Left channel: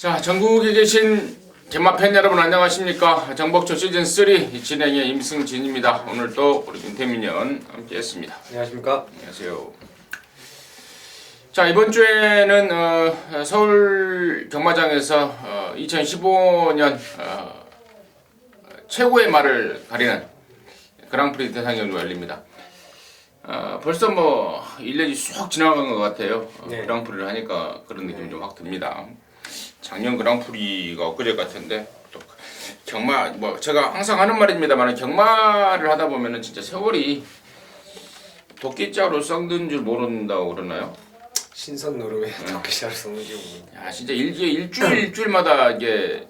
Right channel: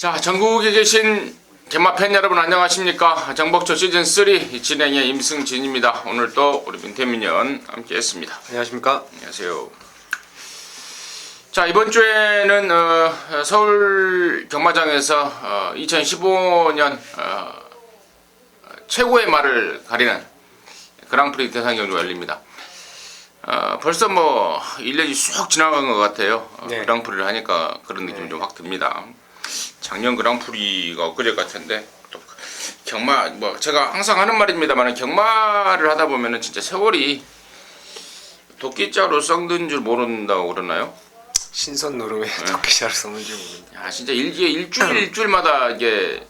자, 전국에 계신 경마 팬 여러분 안녕하십니까? 정복초 시즌3 진행의 임승진입니다. 오늘 또 우리 민태민연 함께 했습니다. 안녕하십니까? 안녕하세요. 자, 이번 주에는 서울 경마장에서 2015년 최고의 말을 가리는 그랑프리 대상 경주가 열립니다. 벌써 뭐 1년이 쑥 지나간 것 같아요. 네. 그랑프리를 하니까 그런 느낌이 좀 확 듭니다. 작년 그랑프리가 엊그제 같은데 또 경마 뭐 제가 항상 하는 말입니다만 경마를 하다 보면은 진짜 세월이 도끼자루 썩는 줄 모른다고 그러나요? 신선 노름에 도끼자루 썩는 줄 모른다. 야 진짜 일주일마다 이게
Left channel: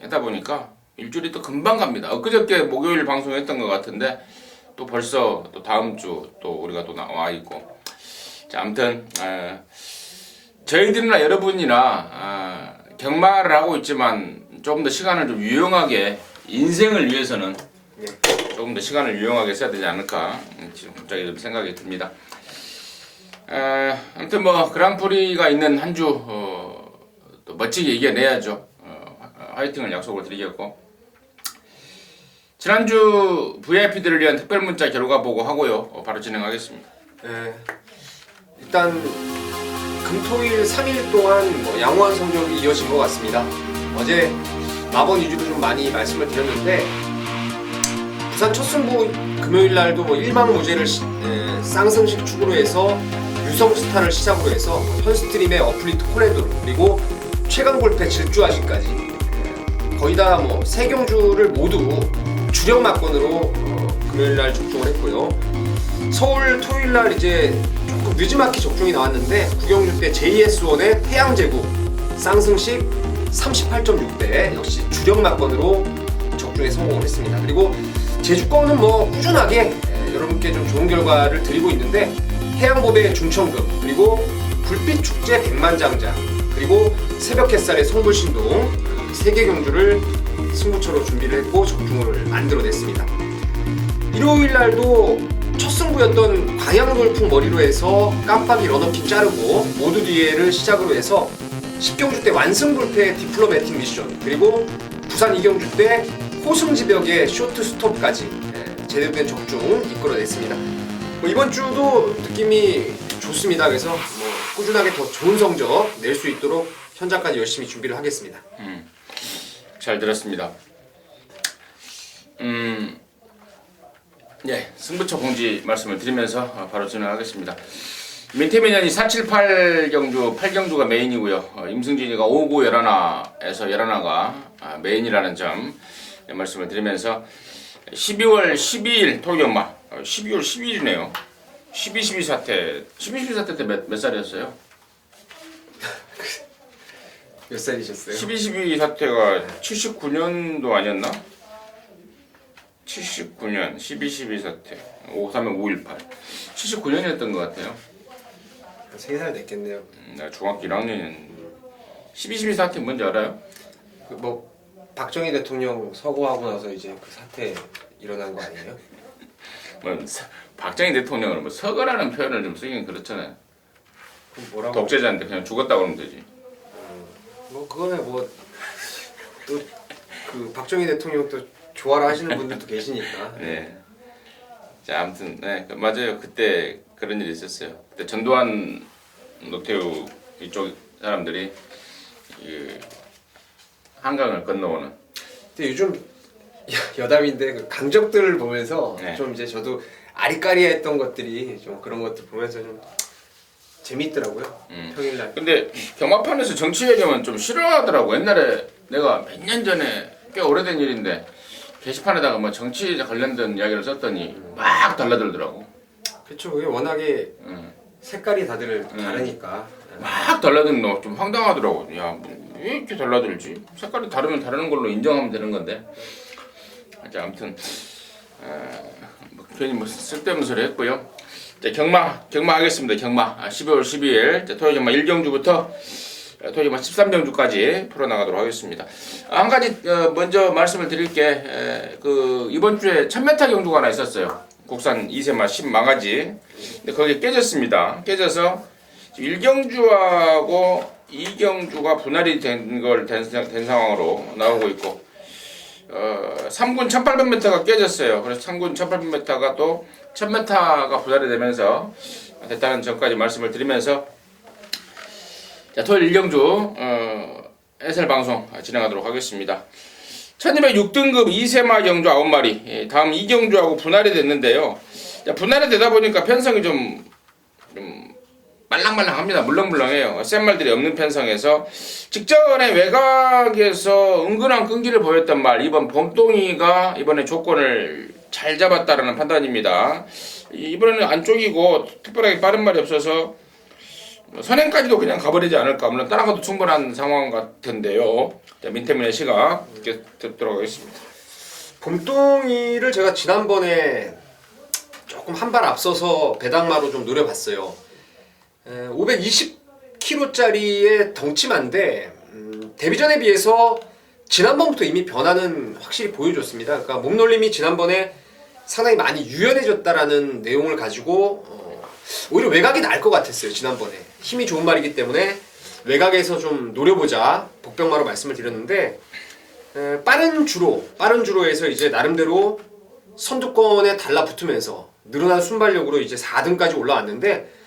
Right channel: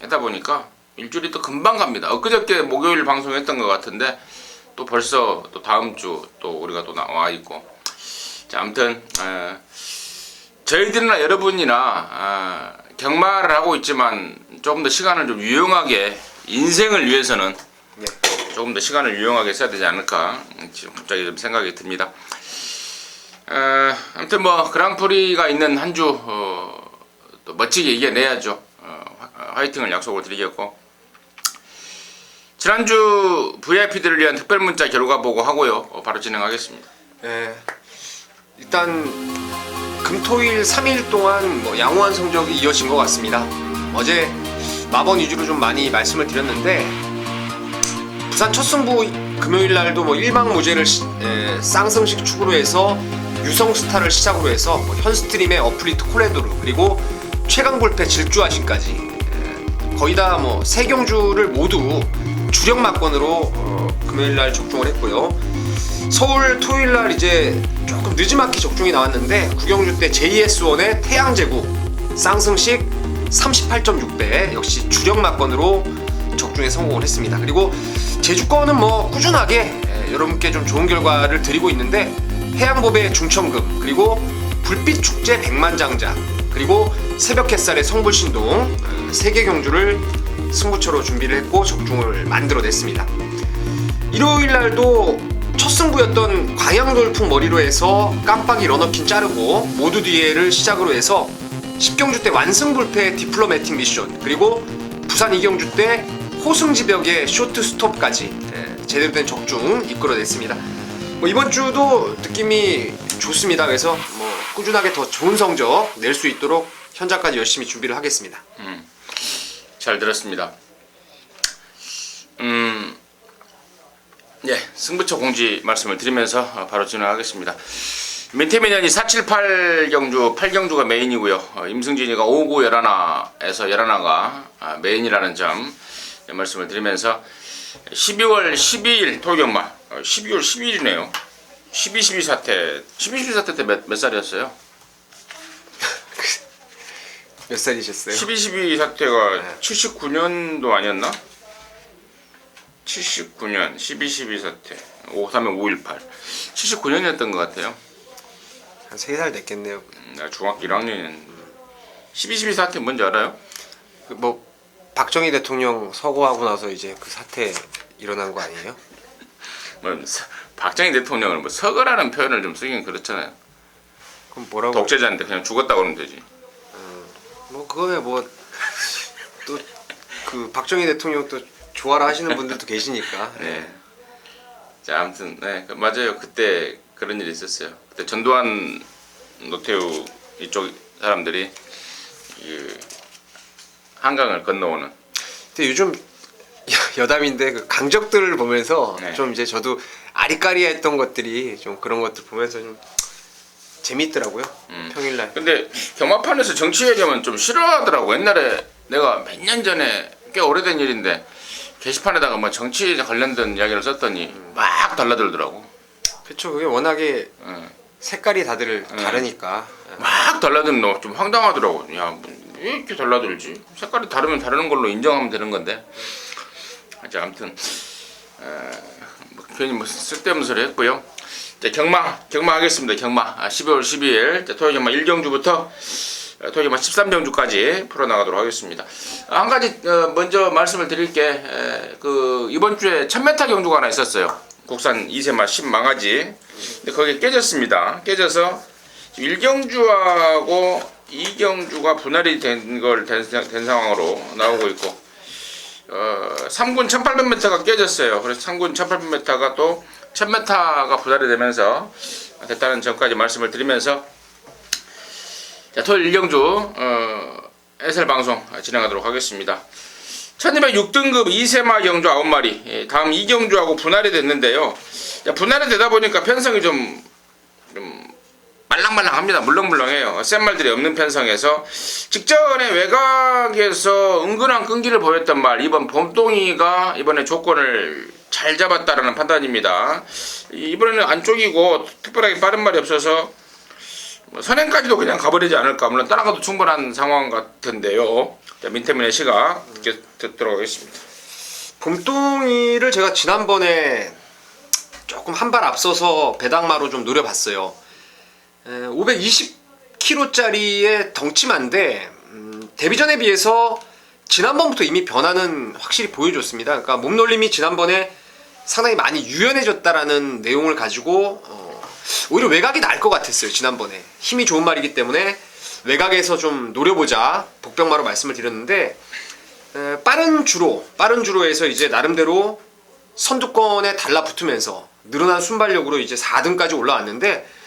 하다 보니까 일주일이 또 금방 갑니다. 엊그저께 목요일 방송했던 것 같은데 또 벌써 또 다음 주 또 우리가 또 나와 있고. 자, 아무튼 저희들이나 여러분이나 경마를 하고 있지만 조금 더 시간을 좀 유용하게 인생을 위해서는 조금 더 시간을 유용하게 써야 되지 않을까 지금 갑자기 좀 생각이 듭니다. 아무튼 뭐 그랑프리가 있는 한 주 또 멋지게 이겨내야죠. 화이팅을 약속을 드리겠고, 지난주 VIP들을 위한 특별 문자 결과 보고하고요. 바로 진행하겠습니다. 일단 금토일 3일 동안 뭐 양호한 성적이 이어진 것 같습니다. 어제 마번 위주로 좀 많이 말씀을 드렸는데 부산 첫 승부 금요일 날도 뭐 일방무죄를 쌍승식 축으로 해서 유성스타를 시작으로 해서 현스트림의 어플리트 콜랜도르 그리고 최강불패 질주아신까지 거의 다 뭐 세 경주를 모두 주력 막건으로 금요일 날 적중을 했고요. 서울 토요일 날 이제 조금 늦지막히 적중이 나왔는데 9경주 때 JS1의 태양제국 쌍승식 38.6배 역시 주력 막건으로 적중에 성공을 했습니다. 그리고 제주권은 뭐 꾸준하게 여러분께 좀 좋은 결과를 드리고 있는데 해양보배 중천금 그리고 불빛축제 백만장자 그리고 새벽 햇살의 성불신동 3개 경주를 승부처로 준비를 했고 적중을 만들어냈습니다. 일요일 날도 첫 승부였던 광양돌풍 머리로 해서 깜빡이 러너킨 자르고 모두 뒤에를 시작으로 해서 10경주 때 완승불패 디플로매틱 미션 그리고 부산 2경주 때 호승지벽의 쇼트 스톱까지 제대로 된 적중 이끌어냈습니다. 뭐 이번 주도 느낌이 좋습니다. 그래서 뭐 꾸준하게 더 좋은 성적 낼 수 있도록 현장까지 열심히 준비를 하겠습니다. 잘 들었습니다. 승부처 공지 말씀을 드리면서 바로 진행하겠습니다. 민태민연이 478 경주 8경주가 메인이고요. 임승진이가 59 11화에서 11화가 메인이라는 점 말씀을 드리면서 12월 12일 토요경마 12월 12일이네요. 12.12 사태 12.12 사태 때 몇 살이었어요? 몇 살이셨어요? 12.12 사태가 79년도 아니었나? 79년 12.12 사태 5.3면 5.18 79년이었던 것 같아요. 한 3살 됐겠네요. 내가 중학교 1학년이었는데 12.12 사태 뭔지 알아요? 뭐 박정희 대통령 서거하고 나서 이제 그 사태 일어난 거 아니에요? 뭐 박정희 대통령은 뭐 서거라는 표현을 좀 쓰긴 그렇잖아요. 그럼 뭐라고? 독재자인데 그냥 죽었다 그러면 되지. 뭐 그거에 뭐 또 그 박정희 대통령 또 좋아라 하시는 분들도 계시니까. 네. 자, 아무튼 맞아요. 그때 그런 일이 있었어요. 그때 전두환, 노태우 이쪽 사람들이 한강을 건너오는. 근데 요즘 여담인데 그 강적들을 보면서 좀 이제 저도 아리까리했던 것들이 좀 그런 것들 보면서 좀 재밌더라고요. 평일날. 근데 경마판에서 정치 얘기하면 좀 싫어하더라고. 옛날에 내가 몇 년 전에 꽤 오래된 일인데 게시판에다가 뭐 정치에 관련된 이야기를 썼더니 막 달라들더라고. 그쵸. 그게 워낙에 색깔이 다들 다르니까. 막 달라드는 너 좀 황당하더라고. 야, 왜 이렇게 달라들지? 색깔이 다르면 다르는 걸로 인정하면 되는 건데. 자, 아무튼 뭐 괜히 뭐 쓸데없는 소리 했고요. 자, 경마 하겠습니다. 경마 12월 12일 토요경마 1경주부터 토요경마 13경주까지 풀어나가도록 하겠습니다. 한 가지 먼저 말씀을 드릴 게 이번 주에 1000m 경주가 하나 있었어요. 국산 2세마 10망아지. 근데 거기 깨졌습니다. 깨져서 일경주하고 이경주가 분할이 된 상황으로 나오고 있고 3군 1800m가 깨졌어요. 그래서 3군 1800m가 또 1000m가 분할이 되면서 됐다는 점까지 말씀을 드리면서 자, 토요일 일경주 해설 방송 진행하도록 하겠습니다. 1206등급 이세마 경주 9마리 다음 이경주하고 분할이 됐는데요. 분할이 되다 보니까 편성이 좀 말랑말랑합니다. 물렁물렁해요. 센 말들이 없는 편성에서 직전에 외곽에서 은근한 끈기를 보였던 말 이번 봄동이가 이번에 조건을 잘 잡았다라는 판단입니다. 이번에는 안쪽이고 특별하게 빠른 말이 없어서 선행까지도 그냥 가버리지 않을까. 물론 따라가도 충분한 상황 같은데요. 자, 민태민의 시각 듣도록 하겠습니다. 봄동이를 제가 지난번에 조금 한 발 앞서서 배당마로 좀 노려봤어요. 520kg짜리의 덩치만데 데뷔전에 비해서 지난번부터 이미 변화는 확실히 보여줬습니다. 그러니까 몸놀림이 지난번에 상당히 많이 유연해졌다라는 내용을 가지고 오히려 외곽이 나을 것 같았어요. 지난번에 힘이 좋은 말이기 때문에 외곽에서 좀 노려보자 복병마로 말씀을 드렸는데 빠른 주로에서 이제 나름대로 선두권에 달라붙으면서 늘어난 순발력으로 이제 4등까지 올라왔는데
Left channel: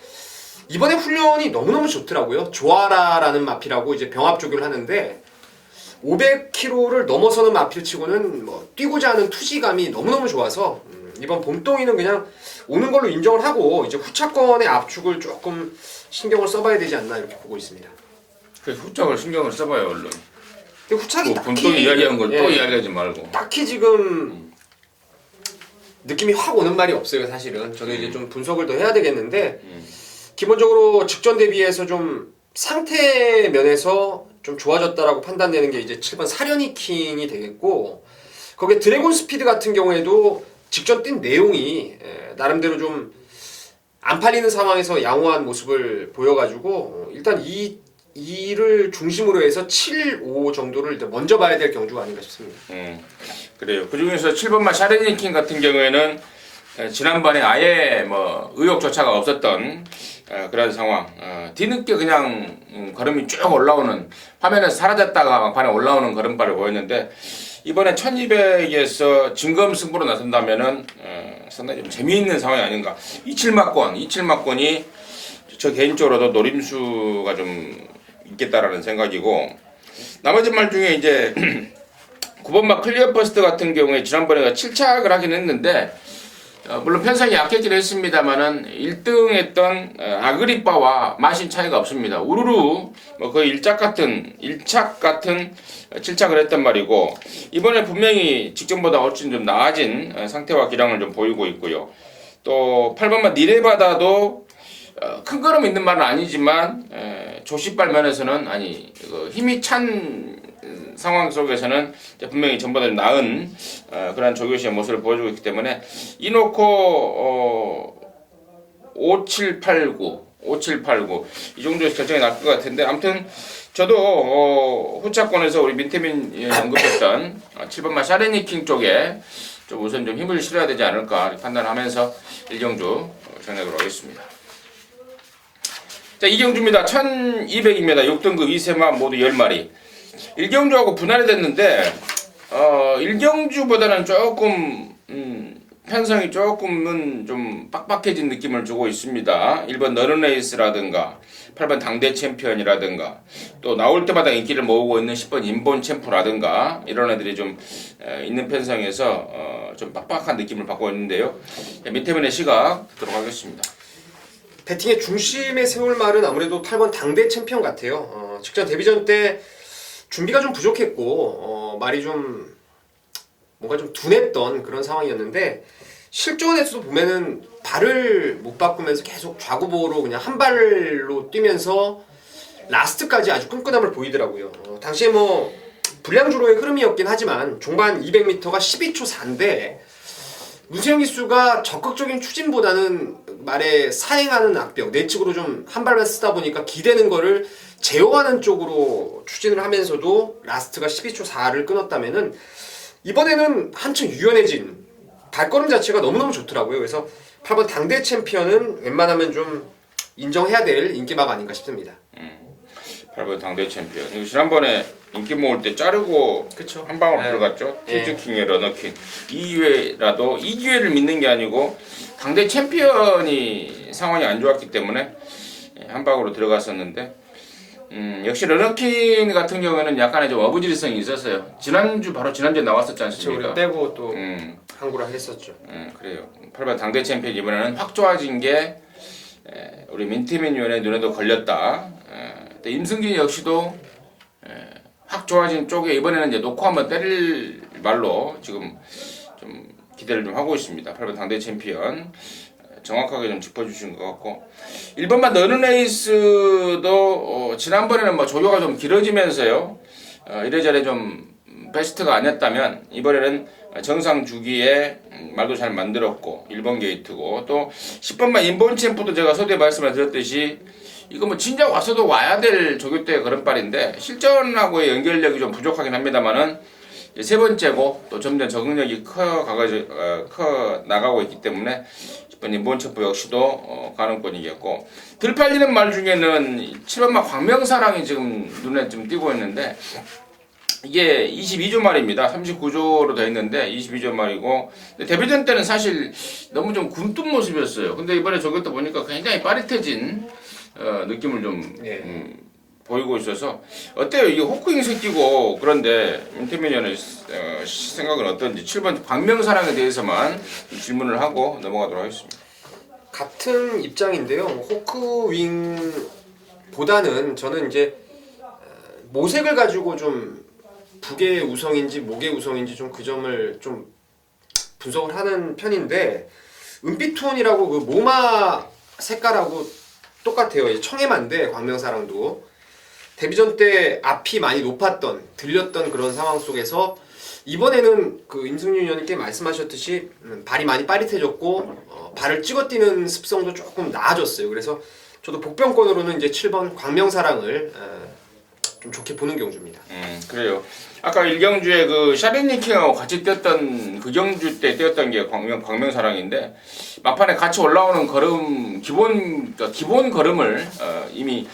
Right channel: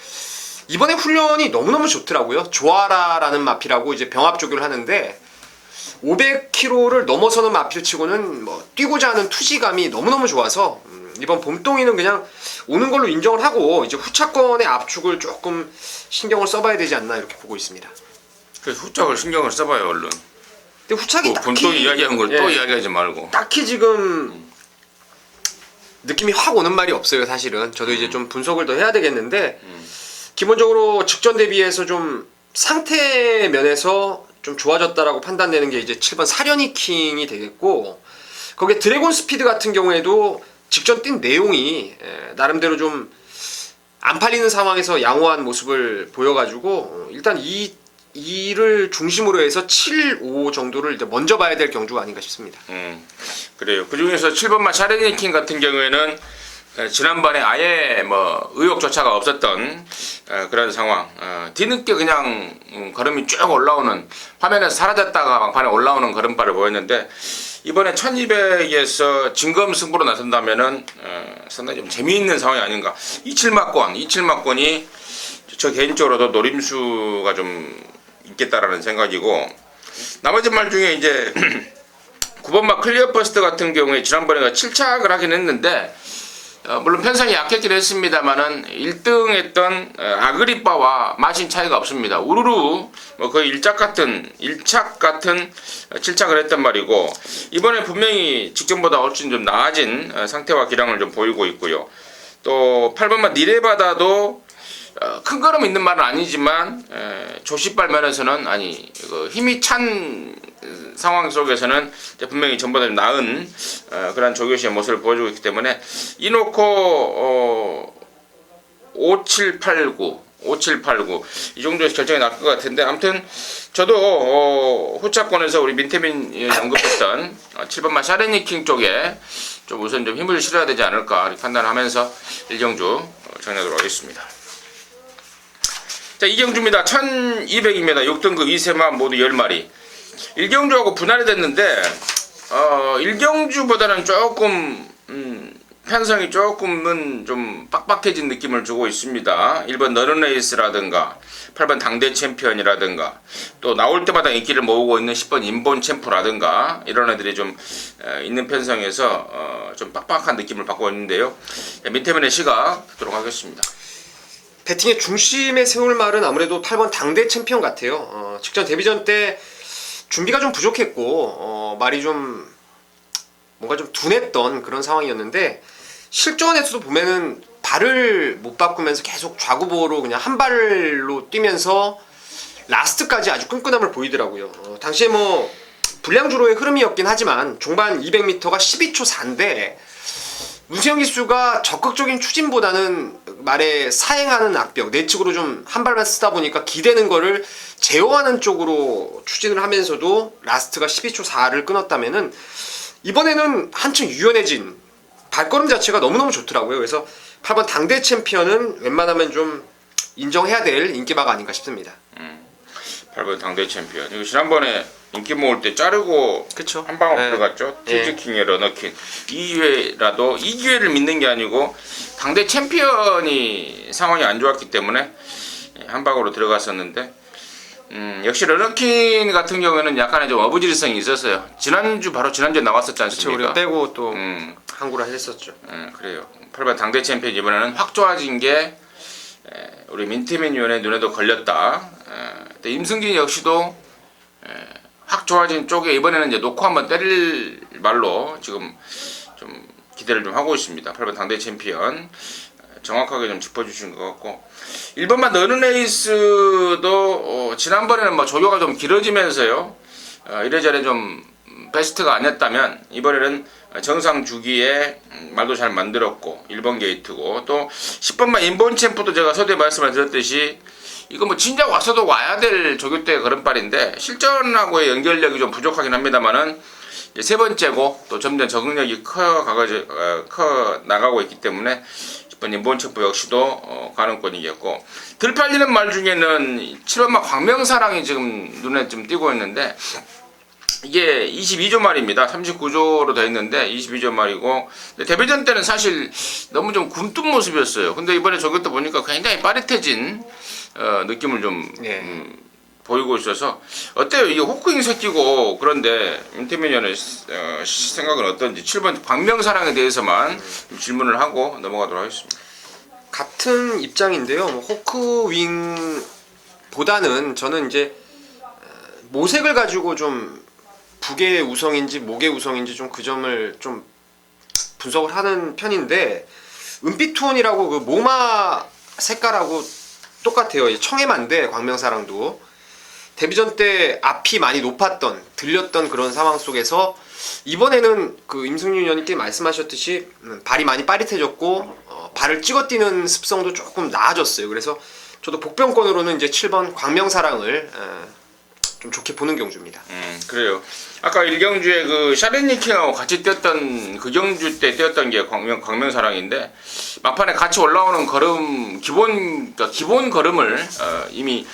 이번에 훈련이 너무너무 좋더라고요. 조아라라는 마피라고 이제 병합 조교를 하는데 500kg를 넘어서는 마필치고는 뭐 뛰고자 하는 투지감이 너무너무 좋아서 이번 봄동이는 그냥 오는 걸로 인정을 하고 이제 후차권의 압축을 조금 신경을 써봐야 되지 않나 이렇게 보고 있습니다. 그래서 후짝을 신경을 써봐요 얼른. 근데 후차기 봄동이 이야기한 걸 또 이야기하지 말고. 딱히 지금 느낌이 확 오는 말이 없어요. 사실은 저도 이제 좀 분석을 더 해야 되겠는데 기본적으로 직전 대비해서 좀 상태 면에서 좀 좋아졌다라고 판단되는 게 이제 7번 사려니킹이 되겠고 거기에 드래곤 스피드 같은 경우에도 직전 뛴 내용이 나름대로 좀 안 팔리는 상황에서 양호한 모습을 보여가지고 일단 이를 중심으로 해서 7, 5 정도를 이제 먼저 봐야 될 경주가 아닌가 싶습니다. 그래요. 그 중에서 7번만 샤레니킹 같은 경우에는 지난번에 아예 뭐 의욕조차가 없었던 그런 상황. 뒤늦게 그냥 걸음이 쭉 올라오는 화면에서 사라졌다가 막판에 올라오는 걸음발을 보였는데 이번에 1200에서 진검승부로 나선다면은 상당히 좀 재미있는 상황이 아닌가. 27막권이 저 개인적으로도 노림수가 좀 있겠다라는 생각이고 나머지 말 중에 이제 9번막 클리어버스트 같은 경우에 지난번에 7착을 하긴 했는데 물론 편성이 약했긴 했습니다만은 1등 했던 아그리빠와 마신 차이가 없습니다. 우르르 뭐 거의 1착 같은 7착을 했단 말이고 이번에 분명히 직전보다 훨씬 좀 나아진 상태와 기량을 좀 보이고 있고요. 또 8번만 니레바다도 큰 걸음 있는 말은 아니지만 조시발 면에서는 힘이 찬 상황 속에서는 분명히 전보다 좀 나은 그런 조교시의 모습을 보여주고 있기 때문에 이놓고 5789 이 정도에서 결정이 날 것 같은데 아무튼 저도 후차권에서 우리 민태민이 언급했던 7번만 샤레니킹 쪽에 좀 우선 좀 힘을 실어야 되지 않을까 이렇게 판단하면서 일경주 정리하도록 하겠습니다. 자, 이경주입니다. 1200입니다. 6등급 이세마 모두 10마리. 일경주하고 분할이 됐는데 일경주보다는 조금 편성이 조금은 좀 빡빡해진 느낌을 주고 있습니다. 1번 너른레이스라든가 8번 당대 챔피언이라든가 또 나올 때마다 인기를 모으고 있는 10번 인본 챔프라든가 이런 애들이 좀 있는 편성에서 좀 빡빡한 느낌을 받고 있는데요. 민태민의 시각 듣도록 하겠습니다. 배팅의 중심에 세울 말은 아무래도 8번 당대 챔피언 같아요. 직전 데뷔전 때 준비가 좀 부족했고 말이 좀 뭔가 좀 둔했던 그런 상황이었는데 실전에서도 보면은 발을 못 바꾸면서 계속 좌구보로 그냥 한 발로 뛰면서 라스트까지 아주 끈끈함을 보이더라고요. 당시에 뭐 불량주로의 흐름이었긴 하지만 종반 200m가 12초 4인데 우수영 기수가 적극적인 추진보다는 말에 사행하는 악벽 내측으로 좀 한 발만 쓰다 보니까 기대는 거를 제어하는 쪽으로 추진을 하면서도 라스트가 12초 4를 끊었다면은 이번에는 한층 유연해진 발걸음 자체가 너무너무 좋더라고요. 그래서 8번 당대 챔피언은 웬만하면 좀 인정해야 될 인기마가 아닌가 싶습니다. 8번 당대 챔피언. 이거 지난번에 인기 모을 때 자르고 그쵸? 한 방울 네. 들어갔죠. 네. 티즈킹의 러너킹. 이 기회라도 이 기회를 믿는 게 아니고 당대 챔피언이 상황이 안 좋았기 때문에 한 방으로 들어갔었는데 역시 러너킹 같은 경우에는 약간의 좀 어부지리성이 있었어요. 바로 지난주에 나왔었지 그쵸, 않습니까? 우리가 빼고 또 음, 항구를 했었죠. 그래요. 8번 당대 챔피언 이번에는 확 좋아진 게 우리 민태민 위원의 눈에도 걸렸다. 또 임승진 역시도 확 좋아진 쪽에 이번에는 이제 놓고 한번 때릴 말로 지금 좀 기대를 좀 하고 있습니다. 8번 당대 챔피언 정확하게 좀 짚어주신 것 같고 1번만 너는 레이스도 지난번에는 뭐 조교가 좀 길어지면서요 이래저래 좀 베스트가 아니었다면 이번에는 정상 주기에 말도 잘 만들었고 1번 게이트고 또 10번만 인본 챔프도 제가 서두에 말씀을 드렸듯이 이거 뭐 진작 왔어도 와야 될 조교 때의 걸음발인데 실전하고의 연결력이 좀 부족하긴 합니다만은 세 번째고 또 점점 적응력이 커 나가고 있기 때문에 10번 인본 챔프 역시도 가능권이 이겼고 들 팔리는 말 중에는 7번만 광명사랑이 지금 눈에 좀 띄고 있는데 이게 22조 말입니다. 39조로 되어 있는데 22조 말이고 데뷔전 때는 사실 너무 좀 굼뜬 모습이었어요. 근데 이번에 저것도 보니까 굉장히 빠릿해진 느낌을 좀 보이고 있어서 어때요? 이게 호크잉 새끼고 그런데 임태민 위원의 생각은 어떤지 7번 광명사랑에 대해서만 질문을 하고 넘어가도록 하겠습니다. 같은 입장인데요. 호크윙보다는 저는 이제 모색을 가지고 좀 북의 우성인지 목의 우성인지 좀 그 점을 좀 분석을 하는 편인데 은빛톤이라고 그 모마 색깔하고 똑같아요. 청해만데 광명사랑도 데뷔전 때 앞이 많이 높았던 들렸던 그런 상황 속에서 이번에는 그 임승윤 위원님께 말씀하셨듯이 발이 많이 빠릿해졌고 발을 찍어뛰는 습성도 조금 나아졌어요. 그래서 저도 복병권으로는 이제 7번 광명사랑을 좀 좋게 보는 경주입니다. 그래요. 아까 1경주에 그 샤렌니킹하고 같이 뛰었던 그 경주 때 뛰었던 게 광명사랑인데 막판에 같이 올라오는 걸음 기본 걸음을 이미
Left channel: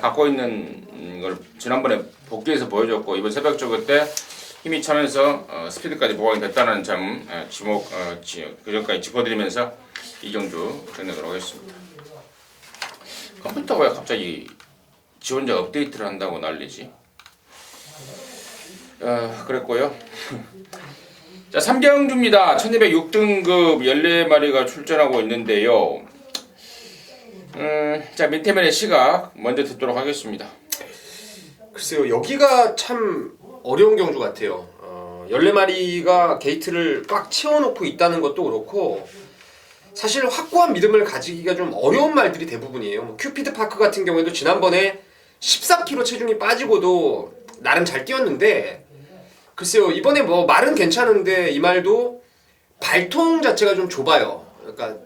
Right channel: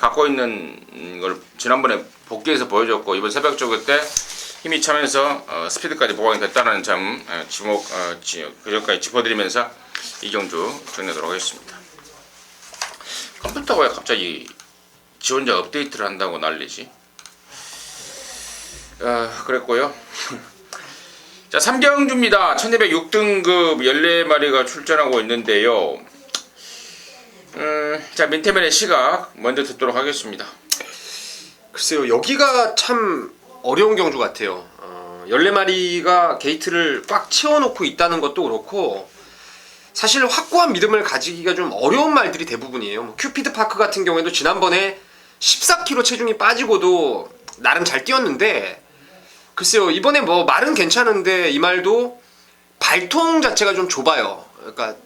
갖고 있는 걸 지난번에 복귀해서 보여줬고 이번 새벽 조그 때 힘이 차면서 스피드까지 보강이 됐다는 점 그 전까지 짚어드리면서 이 경주 정리하도록 하겠습니다. 컴퓨터가 왜 갑자기 지 혼자 업데이트를 한다고 난리지? 그랬고요. 자, 3경주입니다. 1206등급 14마리가 출전하고 있는데요. 자, 민태면의 시각 먼저 듣도록 하겠습니다. 글쎄요, 여기가 참 어려운 경주 같아요. 14마리가 게이트를 꽉 채워놓고 있다는 것도 그렇고 사실 확고한 믿음을 가지기가 좀 어려운 말들이 대부분이에요. 뭐 큐피드 파크 같은 경우에도 지난번에 14kg 체중이 빠지고도 나름 잘 뛰었는데 글쎄요, 이번에 뭐 말은 괜찮은데 이 말도 발통 자체가 좀 좁아요. 그러니까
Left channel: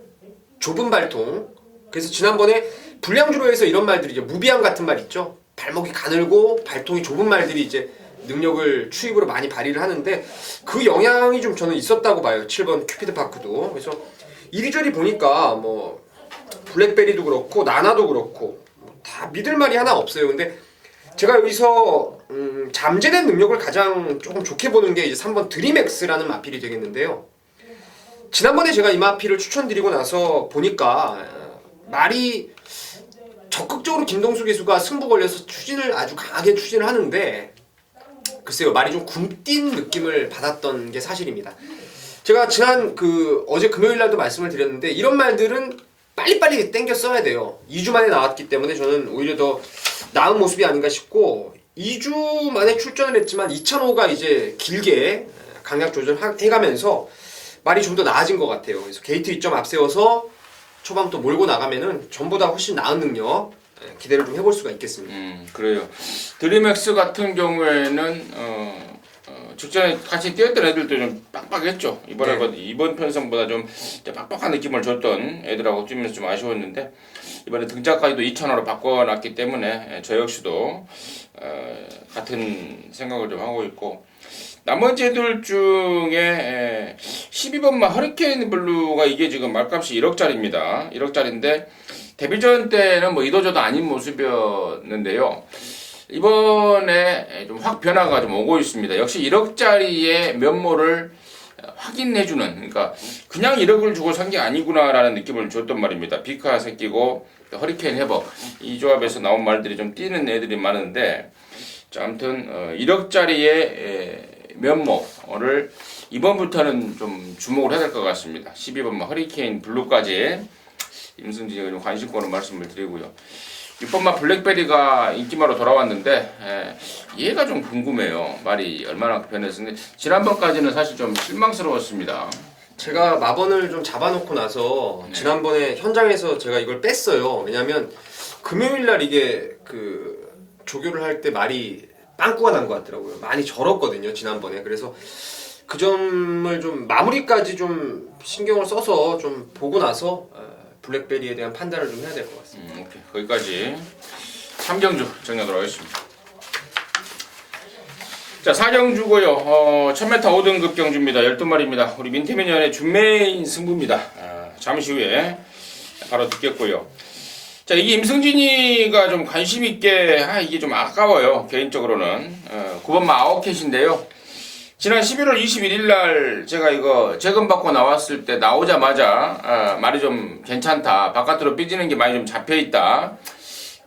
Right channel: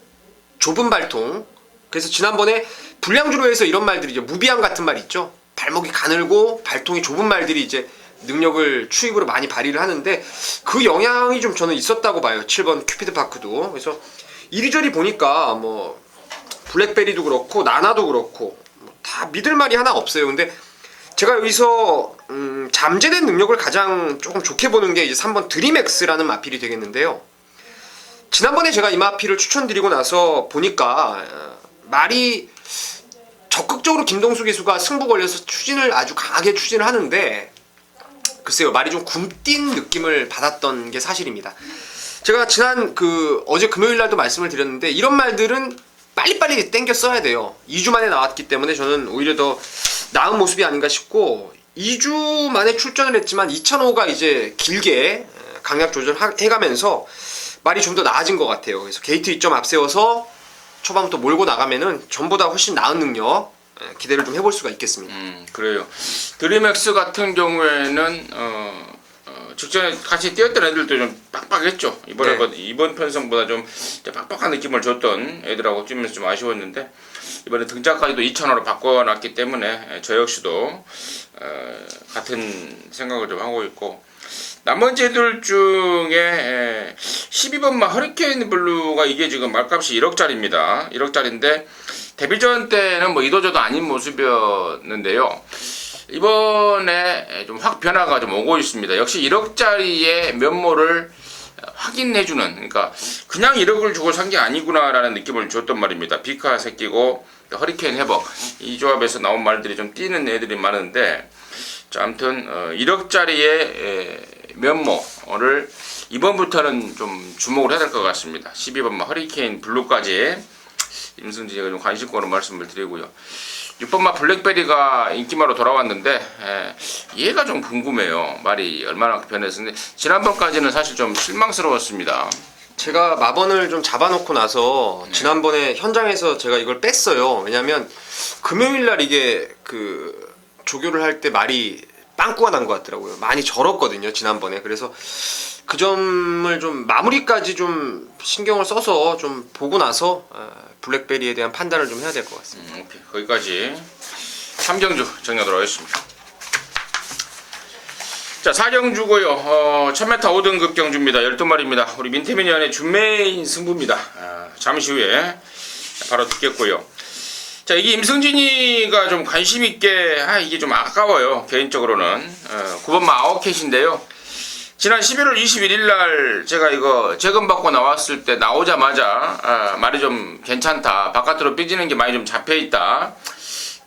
좁은 발통. 그래서 지난번에 불량주로에서 이런 말들이 이제 무비앙 같은 말 있죠. 발목이 가늘고 발통이 좁은 말들이 이제 능력을 추입으로 많이 발휘를 하는데 그 영향이 좀 저는 있었다고 봐요. 7번 큐피드 파크도. 그래서 이리저리 보니까 뭐 블랙베리도 그렇고 나나도 그렇고 다 믿을 말이 하나 없어요. 근데 제가 여기서 잠재된 능력을 가장 조금 좋게 보는 게 이제 3번 드림엑스라는 마필이 되겠는데요. 지난번에 제가 이 마필을 추천드리고 나서 보니까 말이 적극적으로 김동수 기수가 승부 걸려서 추진을 아주 강하게 추진을 하는데 글쎄요, 말이 좀 굼뛴 느낌을 받았던 게 사실입니다. 제가 지난 어제 금요일 날도 말씀을 드렸는데 이런 말들은 빨리빨리 땡겨 써야 돼요. 2주 만에 나왔기 때문에 저는 오히려 더 나은 모습이 아닌가 싶고 2주 만에 출전을 했지만 2,500가 이제 길게 강약 조절해가면서 말이 좀 더 나아진 것 같아요. 그래서 게이트 2점 앞세워서 초반부터 몰고 나가면은 전보다 훨씬 나은 능력 기대를 좀 해볼 수가 있겠습니다. 그래요. 드림엑스 같은 경우에는 직전에 같이 뛰었던 애들도 좀 빡빡했죠. 이번 편성보다 좀 빡빡한 느낌을 줬던 애들하고 뛰면서 좀 아쉬웠는데 이번에 등장까지도 2,000원으로 바꿔놨기 때문에 저 역시도 같은 생각을 좀 하고 있고 나머지 애들 중에 12번만 허리케인 블루가 이게 지금 말값이 1억짜리입니다. 1억짜리인데 데뷔전 때는 뭐 이도저도 아닌 모습이었는데요. 이번에 좀 확 변화가 좀 오고 있습니다. 역시 1억짜리의 면모를 확인해주는, 그러니까 그냥 1억을 주고 산 게 아니구나라는 느낌을 줬단 말입니다. 비카 새끼고 허리케인 해버, 이 조합에서 나온 말들이 좀 띄는 애들이 많은데, 자, 아무튼 1억짜리의 면모를 이번부터는 좀 주목을 해야 될 것 같습니다. 12번 허리케인 블루까지 임승진이가 좀 관심권을 말씀을 드리고요. 6번마 블랙베리가 인기마로 돌아왔는데 얘가 좀 궁금해요. 말이 얼마나 변했는지. 지난번까지는 사실 좀 실망스러웠습니다. 제가 마번을 좀 잡아놓고 나서 지난번에 현장에서 제가 이걸 뺐어요. 왜냐면 금요일날 이게 그 조교를 할 때 말이 빵꾸가 난 것 같더라고요. 많이 절었거든요, 지난번에. 그래서 그 점을 좀 마무리까지 좀 신경을 써서 좀 보고 나서 블랙베리에 대한 판단을 좀 해야 될 것 같습니다. 오케이. 거기까지 3경주 정리하도록 하겠습니다. 자, 4경주고요. 1000m 5등급 경주입니다. 12마리입니다. 우리 민태민연의 준메인 승부입니다. 잠시 후에 바로 듣겠고요. 자, 이게 임승진이가 좀 관심 있게, 이게 좀 아까워요. 개인적으로는. 9번마 아웃캣인데요. 지난 11월 21일 날 제가 이거 재검받고 나왔을 때 나오자마자 말이 좀 괜찮다. 바깥으로 삐지는 게 많이 좀 잡혀 있다.